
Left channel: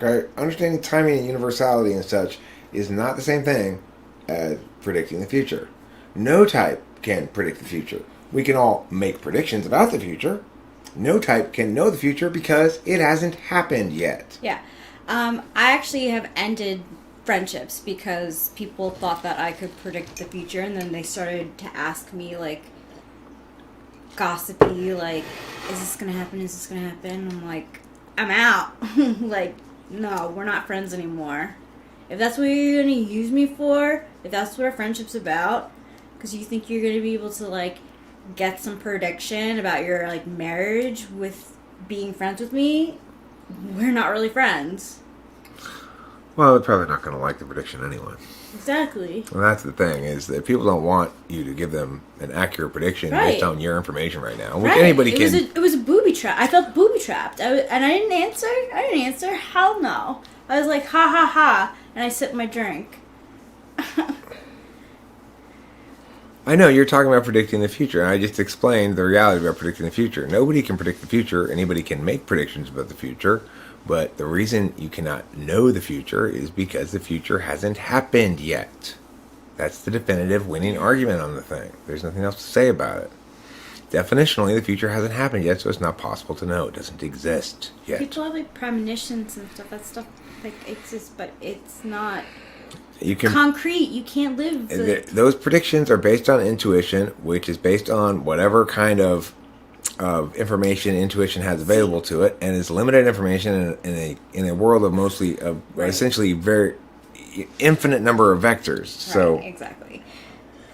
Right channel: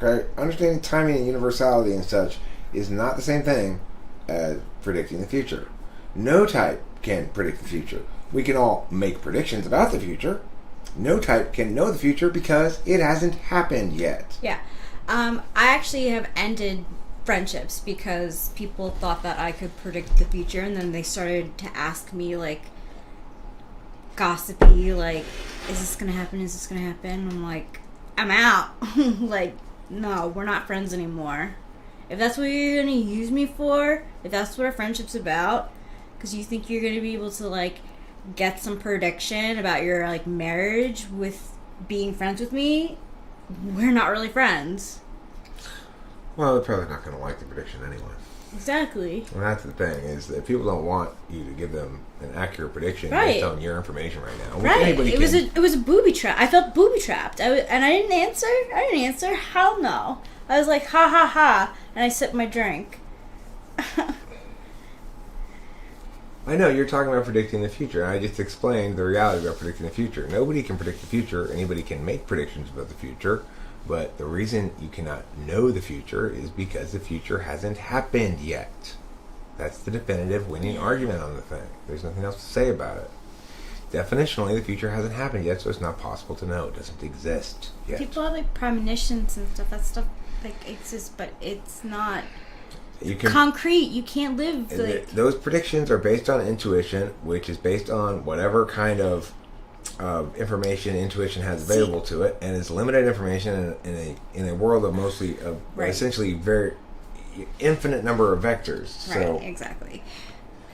Okay? Understanding timing and universality and such is not the same thing as predicting the future. No type can predict the future. We can all make predictions about the future. No type can know the future because it hasn't happened yet. Yeah. I actually have ended friendships because people thought that I could predict the future, and then they started to ask me, like, gossipy, like, is this gonna happen? Is this gonna happen? I'm like, I'm out. Like, no, we're not friends anymore. If that's what you're gonna use me for, if that's what our friendship's about, because you think you're gonna be able to, like, get some prediction about your, like, marriage with being friends with me, we're not really friends. Well, they're probably not going to like the prediction anyway. Exactly. And that's the thing, is that people don't want you to give them an accurate prediction Right. based on your information right now. Right. Anybody It was a booby trap. I felt booby trapped. And I didn't answer. Hell no. I was like, ha ha ha, and I sipped my drink. I know, you're talking about predicting the future, and I just explained the reality about predicting the future. Nobody can predict the future. Anybody can make predictions about the future, but the reason you cannot know the future is because the future hasn't happened yet. That's the definitive winning argument on the thing. There's nothing else to say about it. Definitionally, the future hasn't happened yet, so it's not possible to know. It doesn't exist yet. People have, like, premonitions and stuff. That stuff, like, exists, but it's not You can concrete. You can't live, like... Those predictions are based on intuition, which is based on whatever kind of information intuition has available to it, and is limited information in a world of mostly Right. essentially very infinite number of vectors. So Right, exactly.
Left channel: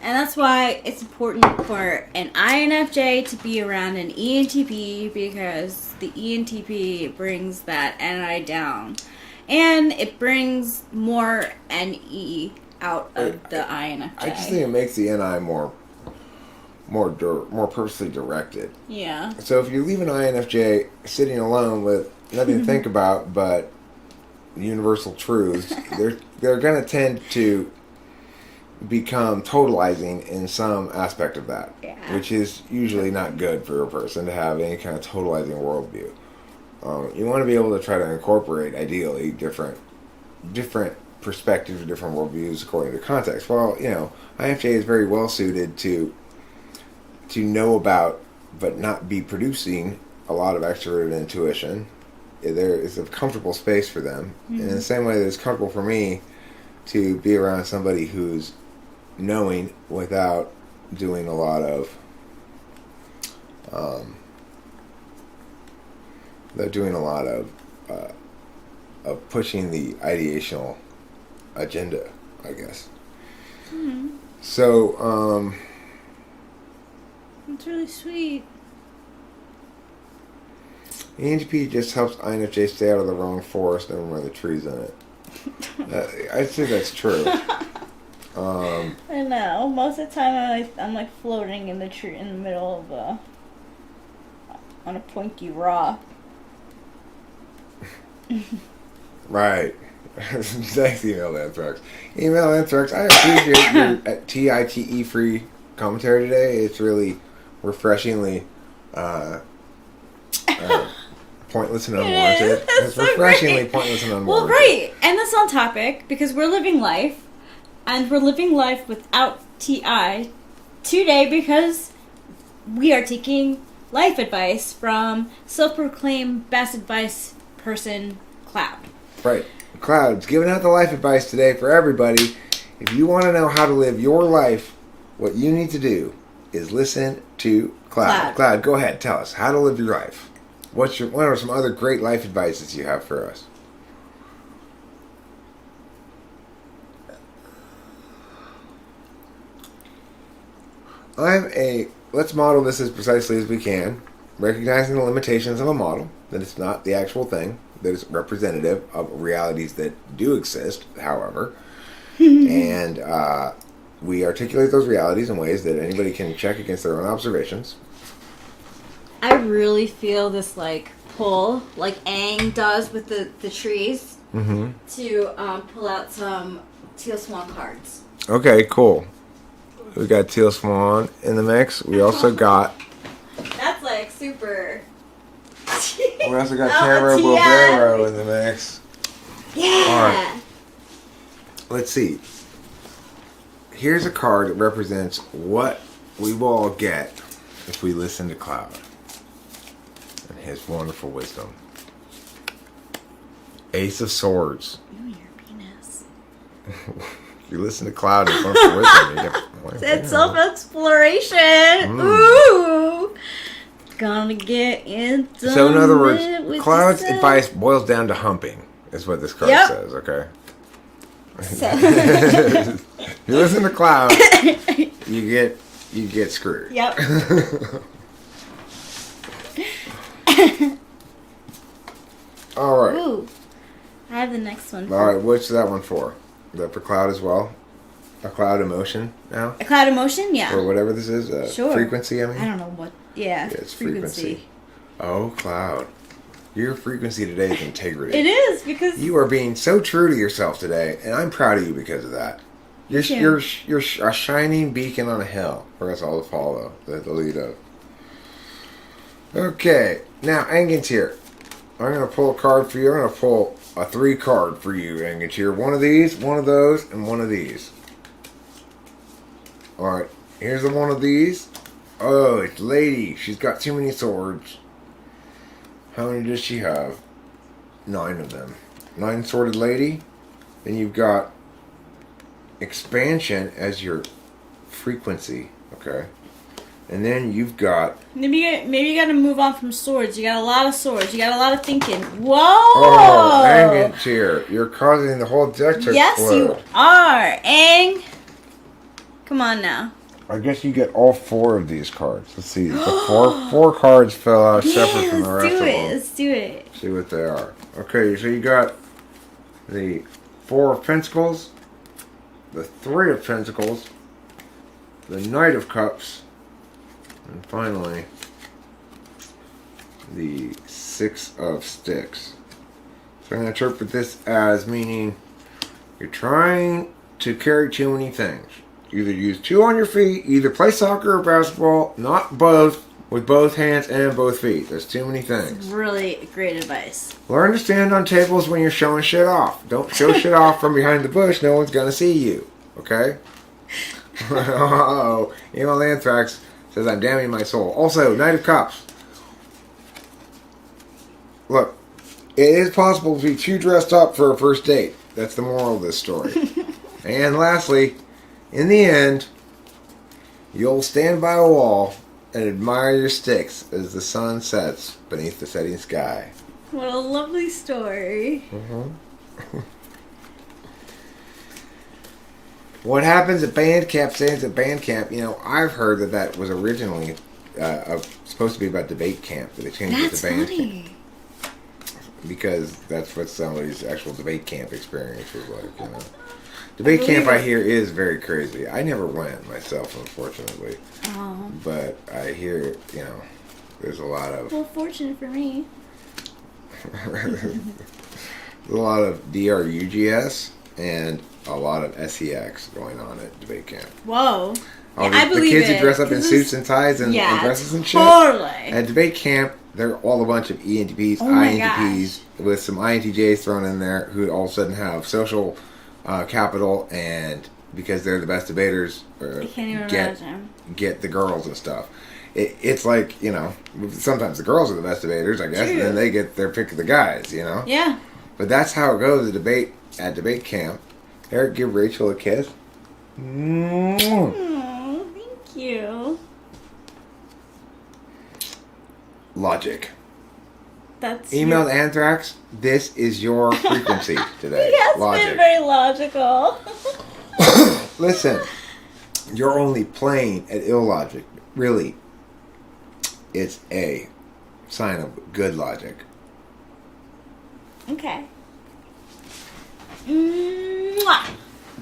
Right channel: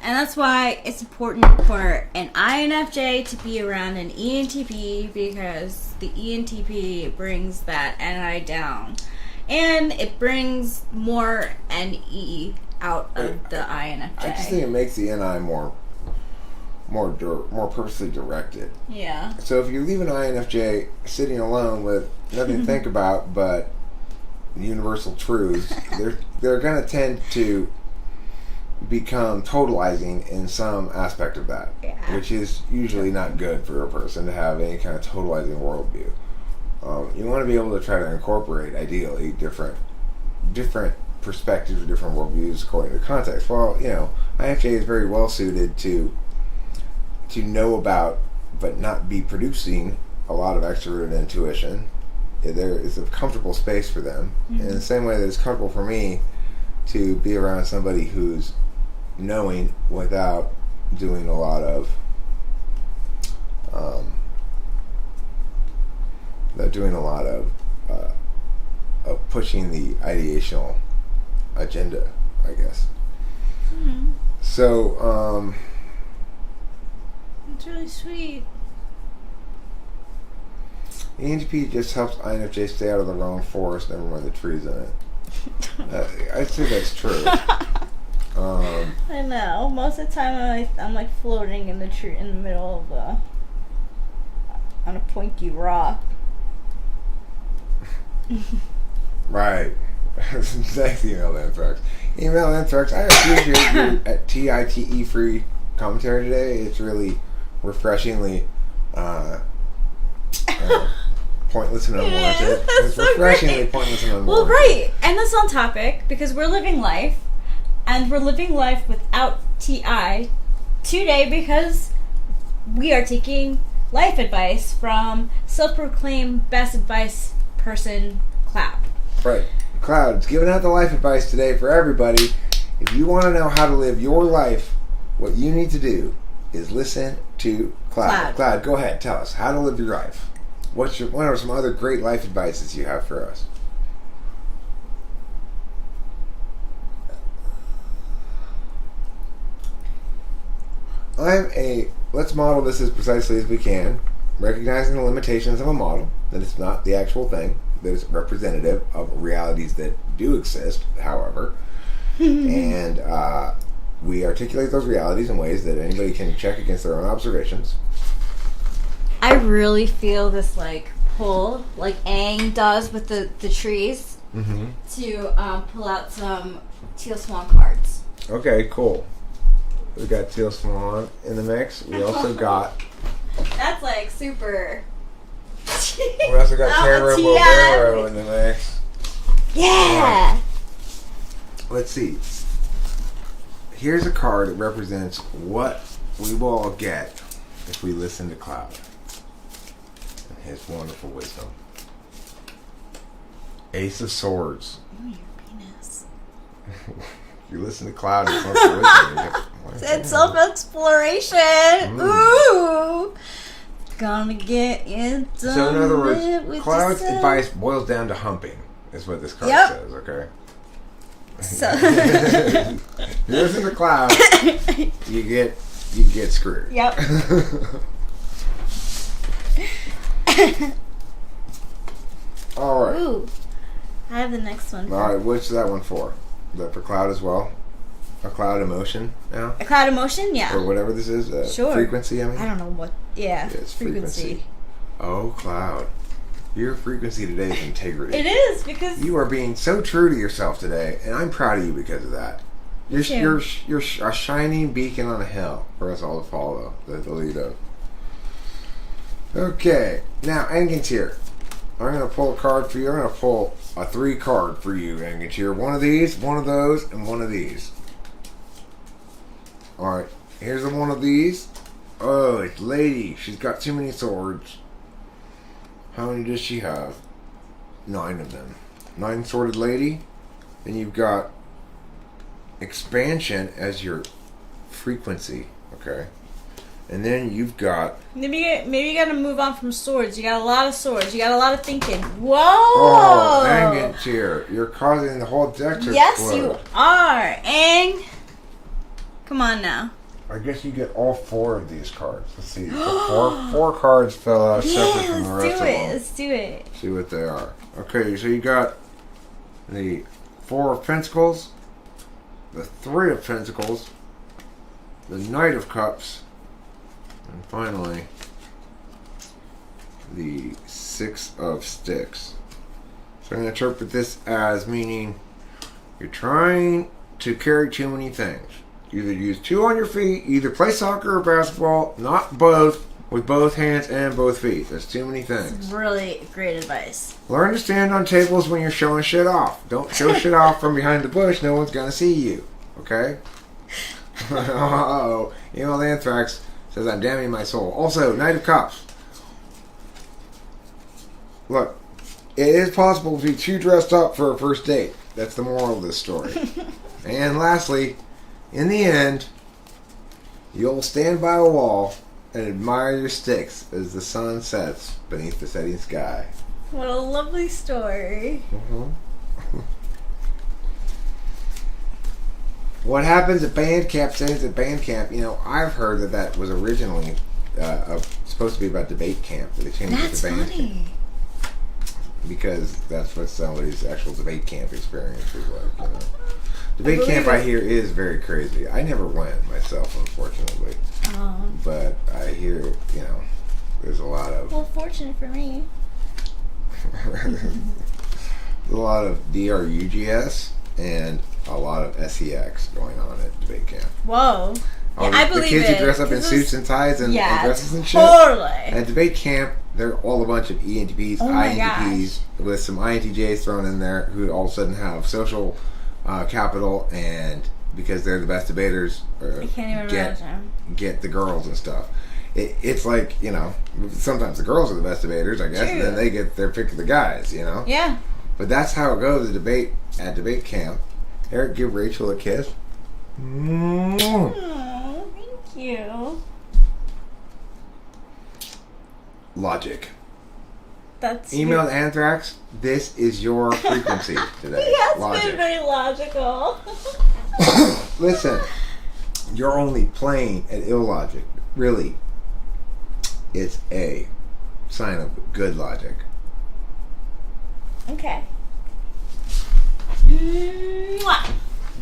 And that's why it's important for an INFJ to be around an ENTP, because the ENTP brings that NI down. And it brings more NE out of the INFJ. I just think it makes the NI more purposely directed. Yeah. So if you leave an INFJ sitting alone with nothing to think about but universal truths, they're going to tend to become totalizing in some aspect of that, Yeah. which is usually not good for a person to have any kind of totalizing worldview. You want to be able to try to incorporate, ideally, different perspectives, different worldviews according to context. Well, INFJ is very well suited to know about, but not be producing a lot of extroverted intuition. There is a comfortable space for them. In the same way that it's comfortable for me to be around somebody who's knowing without doing a lot of pushing the ideational agenda, I guess. So, It's really sweet. ENTP just helps INFJ stay out of the wrong forest, never mind the trees in it. I'd say that's true. I know. Most of the time, I'm like floating in the tree in the middle of on a pointy rock. Right. Thanks, Email Anthrax. Email Anthrax, I appreciate your TITE free commentary today. It's really refreshingly pointless and unwanted. That's It's so refreshingly great. pointless and unwanted. Well, right. And that's on topic, because we're living life. And we're living life without TI today because we are taking life advice from self-proclaimed best advice person, Cloud. Right. Cloud's giving out the life advice today for everybody. If you want to know how to live your life, what you need to do is listen to Cloud. Cloud, go ahead. Tell us how to live your life. What are some other great life advices you have for us? Let's model this as precisely as we can, recognizing the limitations of a model, that it's not the actual thing, that it's representative of realities that do exist, however, and we articulate those realities in ways that anybody can check against their own observations. I really feel this, like, pull, like Aang does with the trees, to pull out some Teal Swan cards. Okay, cool. We got Teal Swan in the mix. We also got... That's like super... We also got Terra Bovero in the mix. Yeah! Right. Let's see. Here's a card that represents what we will all get if we listen to Cloud and his wonderful wisdom. Ace of Swords. Ooh, your penis. If you listen to Cloud and wonderful wisdom, It's self-exploration. Ooh! Gonna get it done. So in other words, with Cloud's yourself. advice boils down to humping. Is what this card says, okay? So. You listen to Cloud, you get screwed. Yep. All right. Ooh. I have the next one. All right, what's that one for? Is that for Cloud as well? A Cloud emotion now? A cloud emotion? Yeah. Or whatever this is? Sure. Frequency, I mean? I don't know what. Yeah. It's frequency. Oh, Cloud. Your frequency today is integrity. It is, because... You are being so true to yourself today, and I'm proud of you because of that. You're a shining beacon on a hill for us all to follow, the lead up. Okay, now Angantyr. I'm going to pull a card for you. I'm going to pull a 3 card for you, Angantyr. One of these, one of those, and one of these. Alright, here's the one of these. Oh, it's Lady. She's got too many swords. How many does she have? 9 of them. 9-sworded Lady. Then you've got expansion as your frequency. Okay. And then you've got... Maybe you gotta move on from swords. You got a lot of swords. You got a lot of thinking. Whoa! Oh, Angantyr. You're causing the whole deck to Yes, explode. you are. Ang. Come on now. I guess you get all 4 of these cards. Let's see. So four cards fell out separate from the rest of them. Let's do it. See what they are. Okay, so you got the 4 of Pentacles, the 3 of Pentacles, the Knight of Cups, and finally the 6 of Sticks. So I'm going to interpret this as meaning you're trying to carry too many things. Either use 2 on your feet, either play soccer or basketball, not both, with both hands and both feet. There's too many things. Really great advice. Learn to stand on tables when you're showing shit off. Don't show shit off from behind the bush. No one's going to see you. Okay? Uh-oh. Email Anthrax says I'm damning my soul. Also, Knight of Cups. Look, it is possible to be too dressed up for a first date. That's the moral of this story. And lastly, in the end, you'll stand by a wall and admire your sticks as the sun sets beneath the setting sky. What a lovely story. What happens at band camp stays at band camp. You know, I've heard that was originally supposed to be about debate camp. But they changed it to band funny. because that's what somebody's actual debate camp experience was like. You know? Debate camp, I hear, is very crazy. I never went myself, unfortunately. Oh. But I hear, you know, there's a lot of... Well, fortunate for me. a lot of DRUGS and a lot of SEX going on at debate camp. Whoa. Yeah, I believe the kids it. Who dress up in suits and ties and dresses and shit. Totally. At debate camp, they're all a bunch of ENTPs, Oh my INTPs, with some INTJs thrown in there who all of a sudden have social capital, and because they're the best debaters, I can't even imagine. Get the girls and stuff. It's like, you know, sometimes the girls are the best debaters, I guess, True. and then they get their pick of the guys, you know? Yeah. But that's how it goes at debate camp. Eric, give Rachel a kiss. Oh, thank you. Logic. That's Emailed Anthrax, this is your frequency today. He has Logic. been very logical. Listen, you're only playing at illogic. Really, it's a sign of good logic. Okay. Mwah.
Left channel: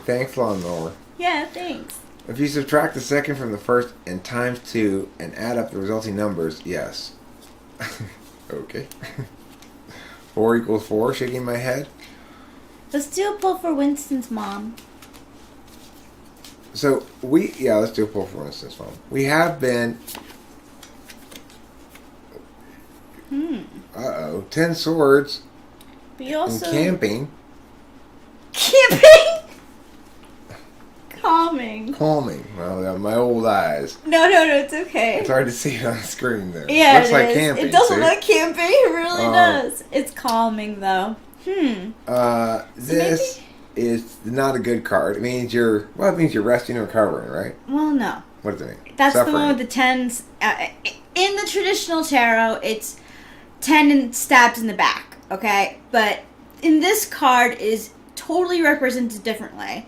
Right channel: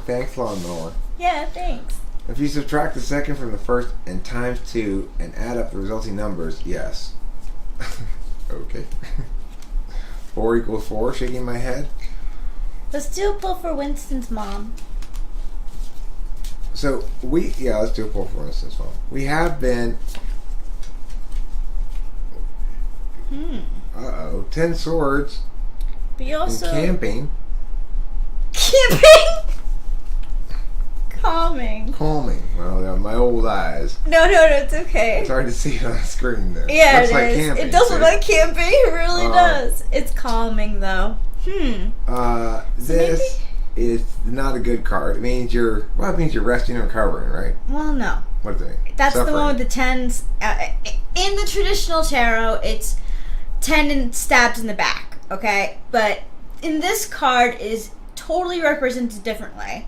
Thanks, Lawnmower. Yeah, thanks. If you subtract the second from the first and times 2 and add up the resulting numbers, yes. Okay. 4 equals 4, shaking my head. Let's do a pull for Winston's mom. So let's do a pull for instance, phone. We have been 10 swords But you also and camping. Camping? Calming. Calming. Well, my old eyes. No, it's okay. It's hard to see on the screen there. Yeah, Looks it like is. camping, It does see? look like camping. It really does. It's calming though. This is not a good card. It means you're resting and recovering, right? Well, no. What does it mean? That's Suffering. the one with the tens. In the traditional tarot, it's 10 and stabs in the back, okay? But in this card is totally represented differently.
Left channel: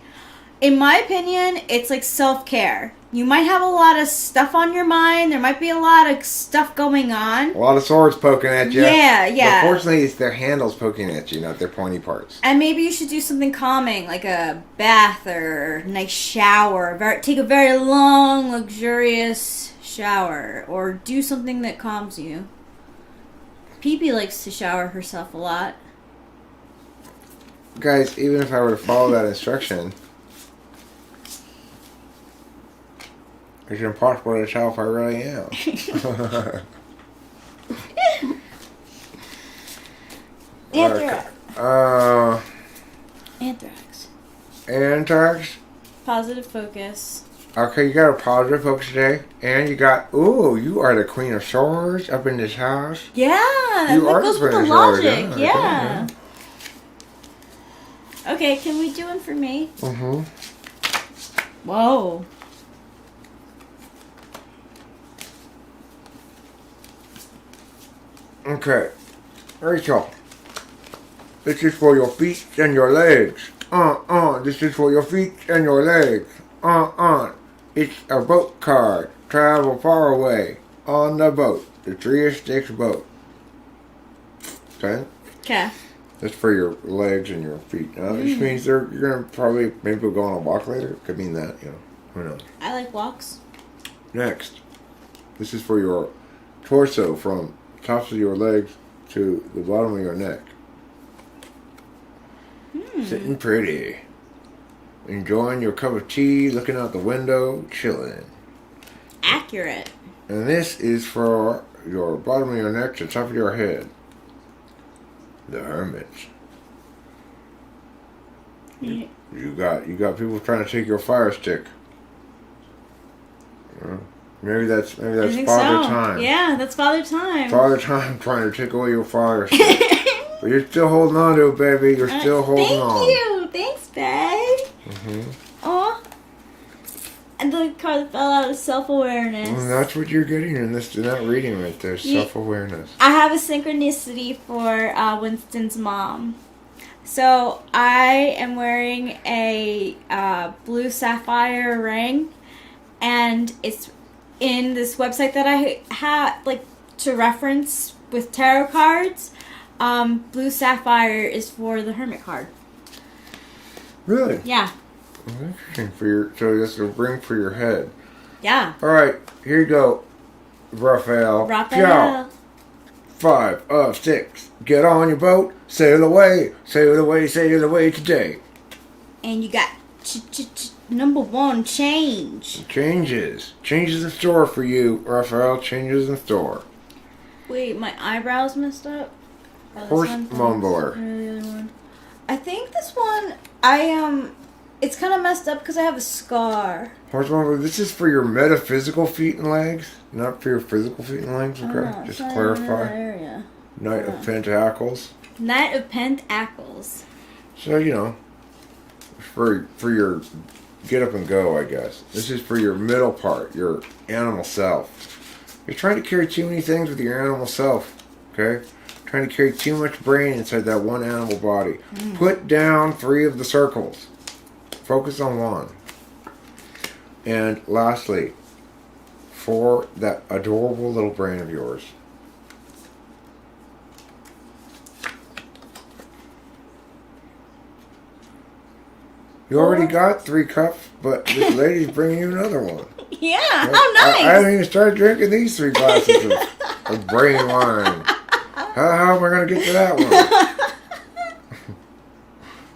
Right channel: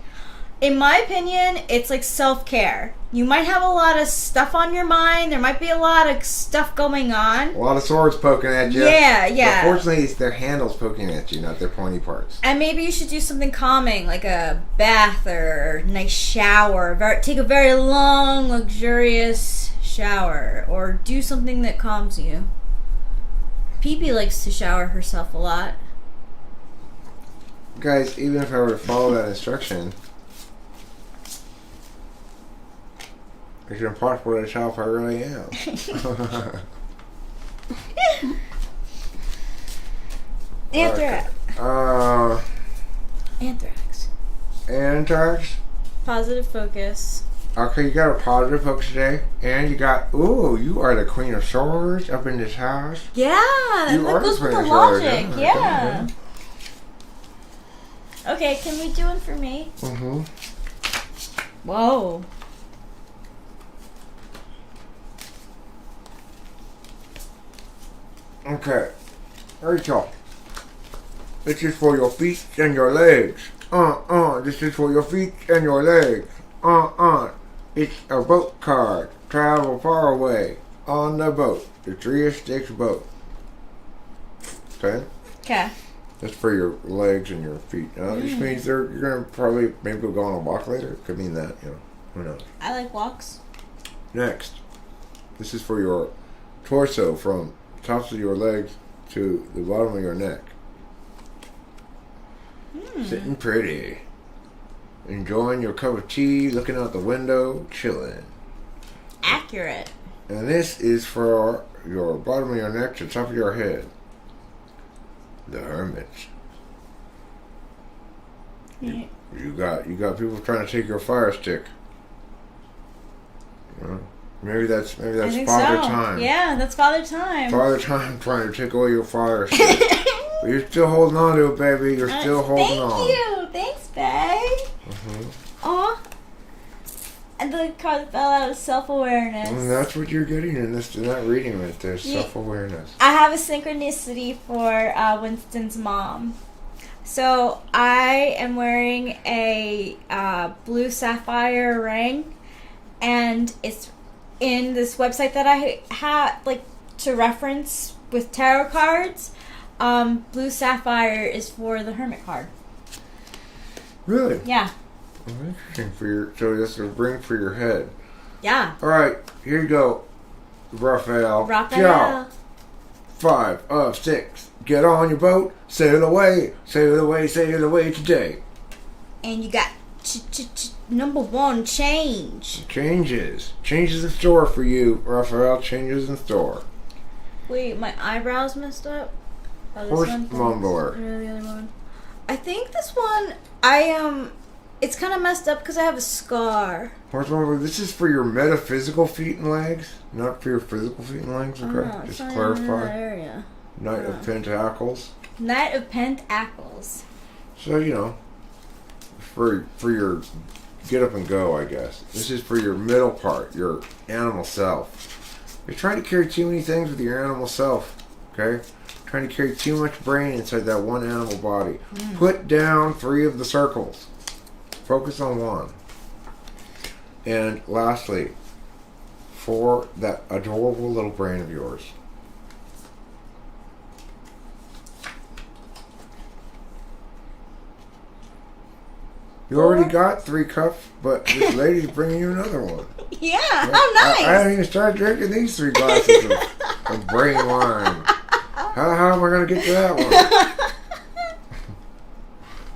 In my opinion, it's like self-care. You might have a lot of stuff on your mind. There might be a lot of stuff going on. A lot of swords poking at you. Yeah. Unfortunately, it's their handles poking at you, not their pointy parts. And maybe you should do something calming, like a bath or a nice shower. Take a very long, luxurious shower. Or do something that calms you. Pee-Pee likes to shower herself a lot. Guys, even if I were to follow that instruction, it's impossible to tell if I really am. Anthrax. Anthrax. Positive focus. Okay, you got a positive focus today, and you got you are the Queen of Swords up in this house. Yeah, and You that are goes with the Queen of Swords, logic. yeah. Okay, can we do one for me? Mm-hmm. Whoa. Okay, Rachel, this is for your feet and your legs. This is for your feet and your legs. It's a boat card. Travel far away on the boat. The 3 of Sticks boat. Okay? Okay. That's for your legs and your feet. Which means you're going to probably maybe go on a walk later. Could mean that, who knows. I like walks. Next, this is for your torso from tops of your legs to the bottom of your neck. Sitting pretty. Enjoying your cup of tea, looking out the window, chilling. Accurate. And this is for your bottom of your neck to top of your head. The Hermit. Yeah. You got people trying to take your fire stick. Maybe that's I think Father so. Time. Yeah, that's Father Time. Father Time trying to take away your fire stick. But you're still holding on to it, baby. You're still holding on. Thank you. Thanks, babe. Aw. And the card that fell out is self-awareness. Well, that's what you're getting in this. They're not reading right there. Self-awareness. I have a synchronicity for Winston's mom. So I am wearing a blue sapphire ring, and it's in this website that I have to reference with tarot cards. Blue sapphire is for the Hermit card. Really? Yeah. Interesting. So this is a ring for your head. Yeah. All right, here you go, Raphael. Raphael. 5 of 6. Get on your boat, sail away, sail away, sail away today. And you got number 1, change. Changes in store for you, Raphael. Changes in store. Wait, my eyebrows messed up. Horse mumbler. The other one. I think this one, it's kind of messed up because I have a scar. Horse mumbler. This is for your metaphysical feet and legs, not for your physical feet and legs. Okay, just clarify. Area. Knight of Pentacles. Knight of Pentacles. So for your get up and go, I guess. This is for your middle part, your animal self. You're trying to carry too many things with your animal self, okay? Trying to carry too much brain inside that one animal body. Put down 3 of the circles. Focus on 1. And lastly, for that adorable little brain of yours. You already got 3 cups, but this lady's bringing you another one. Yeah, how nice. I haven't even started drinking these 3 glasses of brain wine. How am I going to get to that one?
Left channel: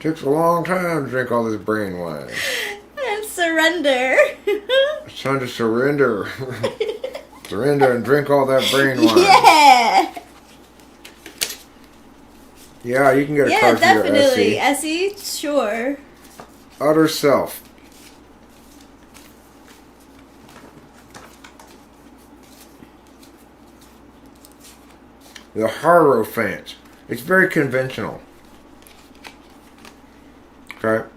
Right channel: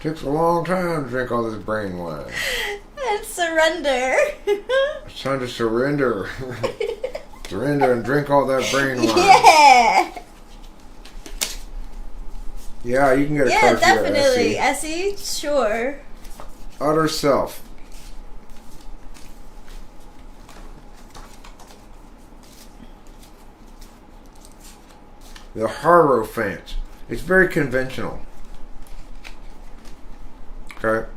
Takes a long time to drink all this brain wine. And surrender. It's time to surrender. Surrender and drink all that brain wine. Yeah. Yeah, you can get a Yeah, card for your definitely. SE. SE, sure. Utter Self. The Hierophant. It's very conventional. Okay?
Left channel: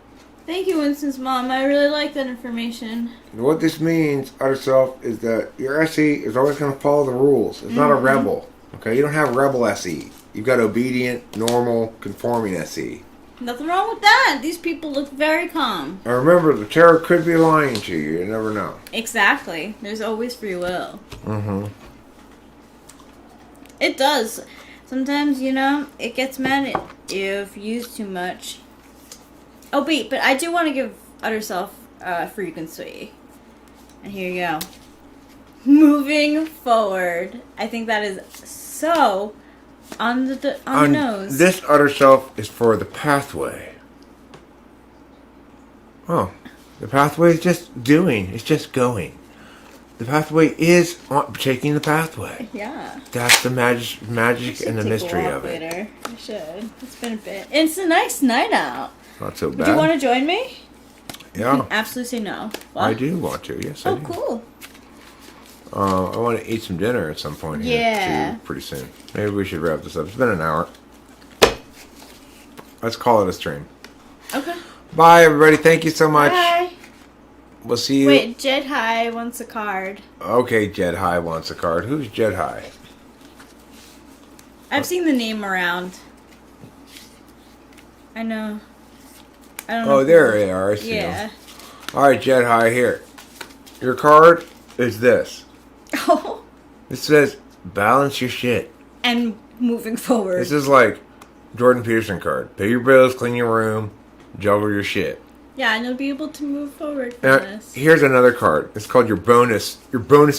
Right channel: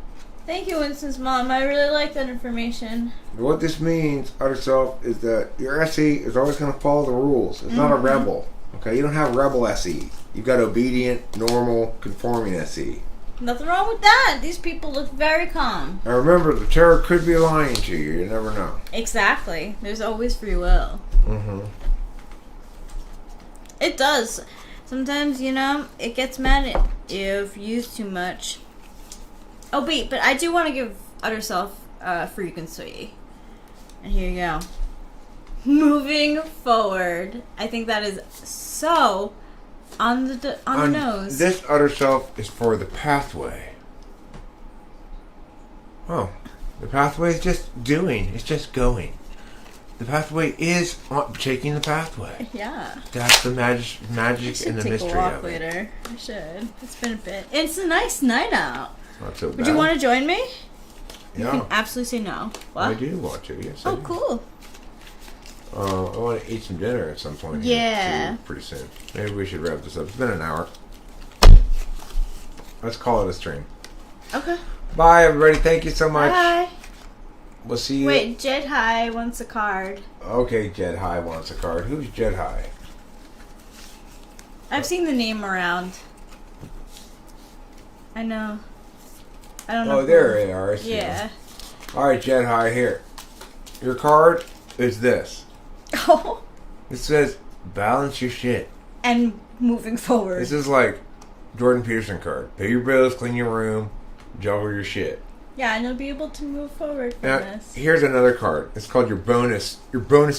Thank you, Winston's mom. I really like that information. What this means, Utter Self, is that your SE is always going to follow the rules. It's not a rebel. Okay? You don't have rebel SE. You've got obedient, normal, conforming SE. Nothing wrong with that. These people look very calm. Now remember, the tarot could be lying to you. You never know. Exactly. There's always free will. Mm-hmm. It does. Sometimes, it gets mad if used too much. Oh, wait, but I do want to give Utter Self frequency. And here you go. Moving forward. I think that is so on the nose. This Utter Self is for the pathway. Oh. The pathway is just doing. It's just going. The pathway is taking the pathway. Yeah. That's the magic I should and the take mystery a walk of it. later. I should. It's been a bit. It's a nice night out. Not so bad. Would you want to join me? You Yeah, can absolutely say no. What? I do want to. Yes, I Oh, do. cool. I want to eat some dinner at some point. Yeah. Too, pretty soon. Maybe we should wrap this up. It's been an hour. Let's call it a stream. Okay. Bye, everybody. Thank you so much. Bye. We'll see you. Wait, Jed High wants a card. Okay, Jed High wants a card. Who's Jed High? I've seen the name around. I know. I don't know. Oh, there they are. I see Yeah. them. All right, Jed High, here. Your card is this. Oh. It says, balance your shit. And moving forward. This is like Jordan Peterson card. Pay your bills, clean your room, juggle your shit. Yeah, and you'll be able to move forward from Now, this. here's another card. It's called your bonus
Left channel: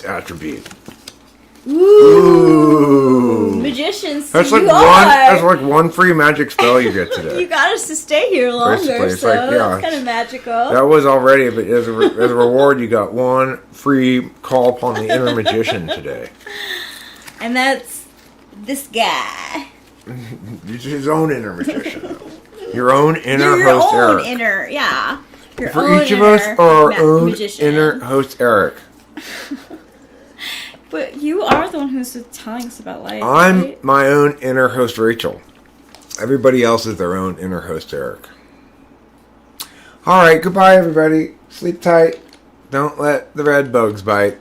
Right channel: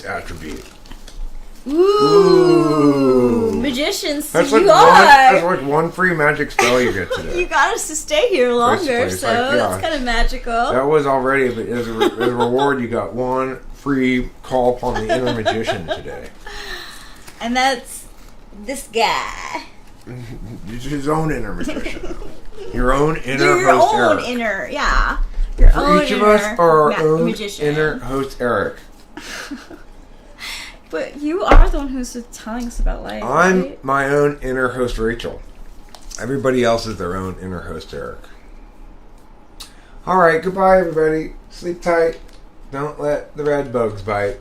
attribute. Ooh. Magicians, That's you that's are. like one free magic spell you get today. You got us to stay here longer, Basically, it's so like, yeah. that's kind of magical. That was already, but as a reward, you got one free call upon the inner magician today. And that's this guy. He's his own inner magician. Your own inner You're your host, own Eric. inner, yeah. Your For own each of inner us are our own magician. inner host, Eric. But you are the one who's telling us about life. I'm right? my own inner host, Rachel. Everybody else is their own inner host, Eric. All right, goodbye, everybody. Sleep tight. Don't let the red bugs bite.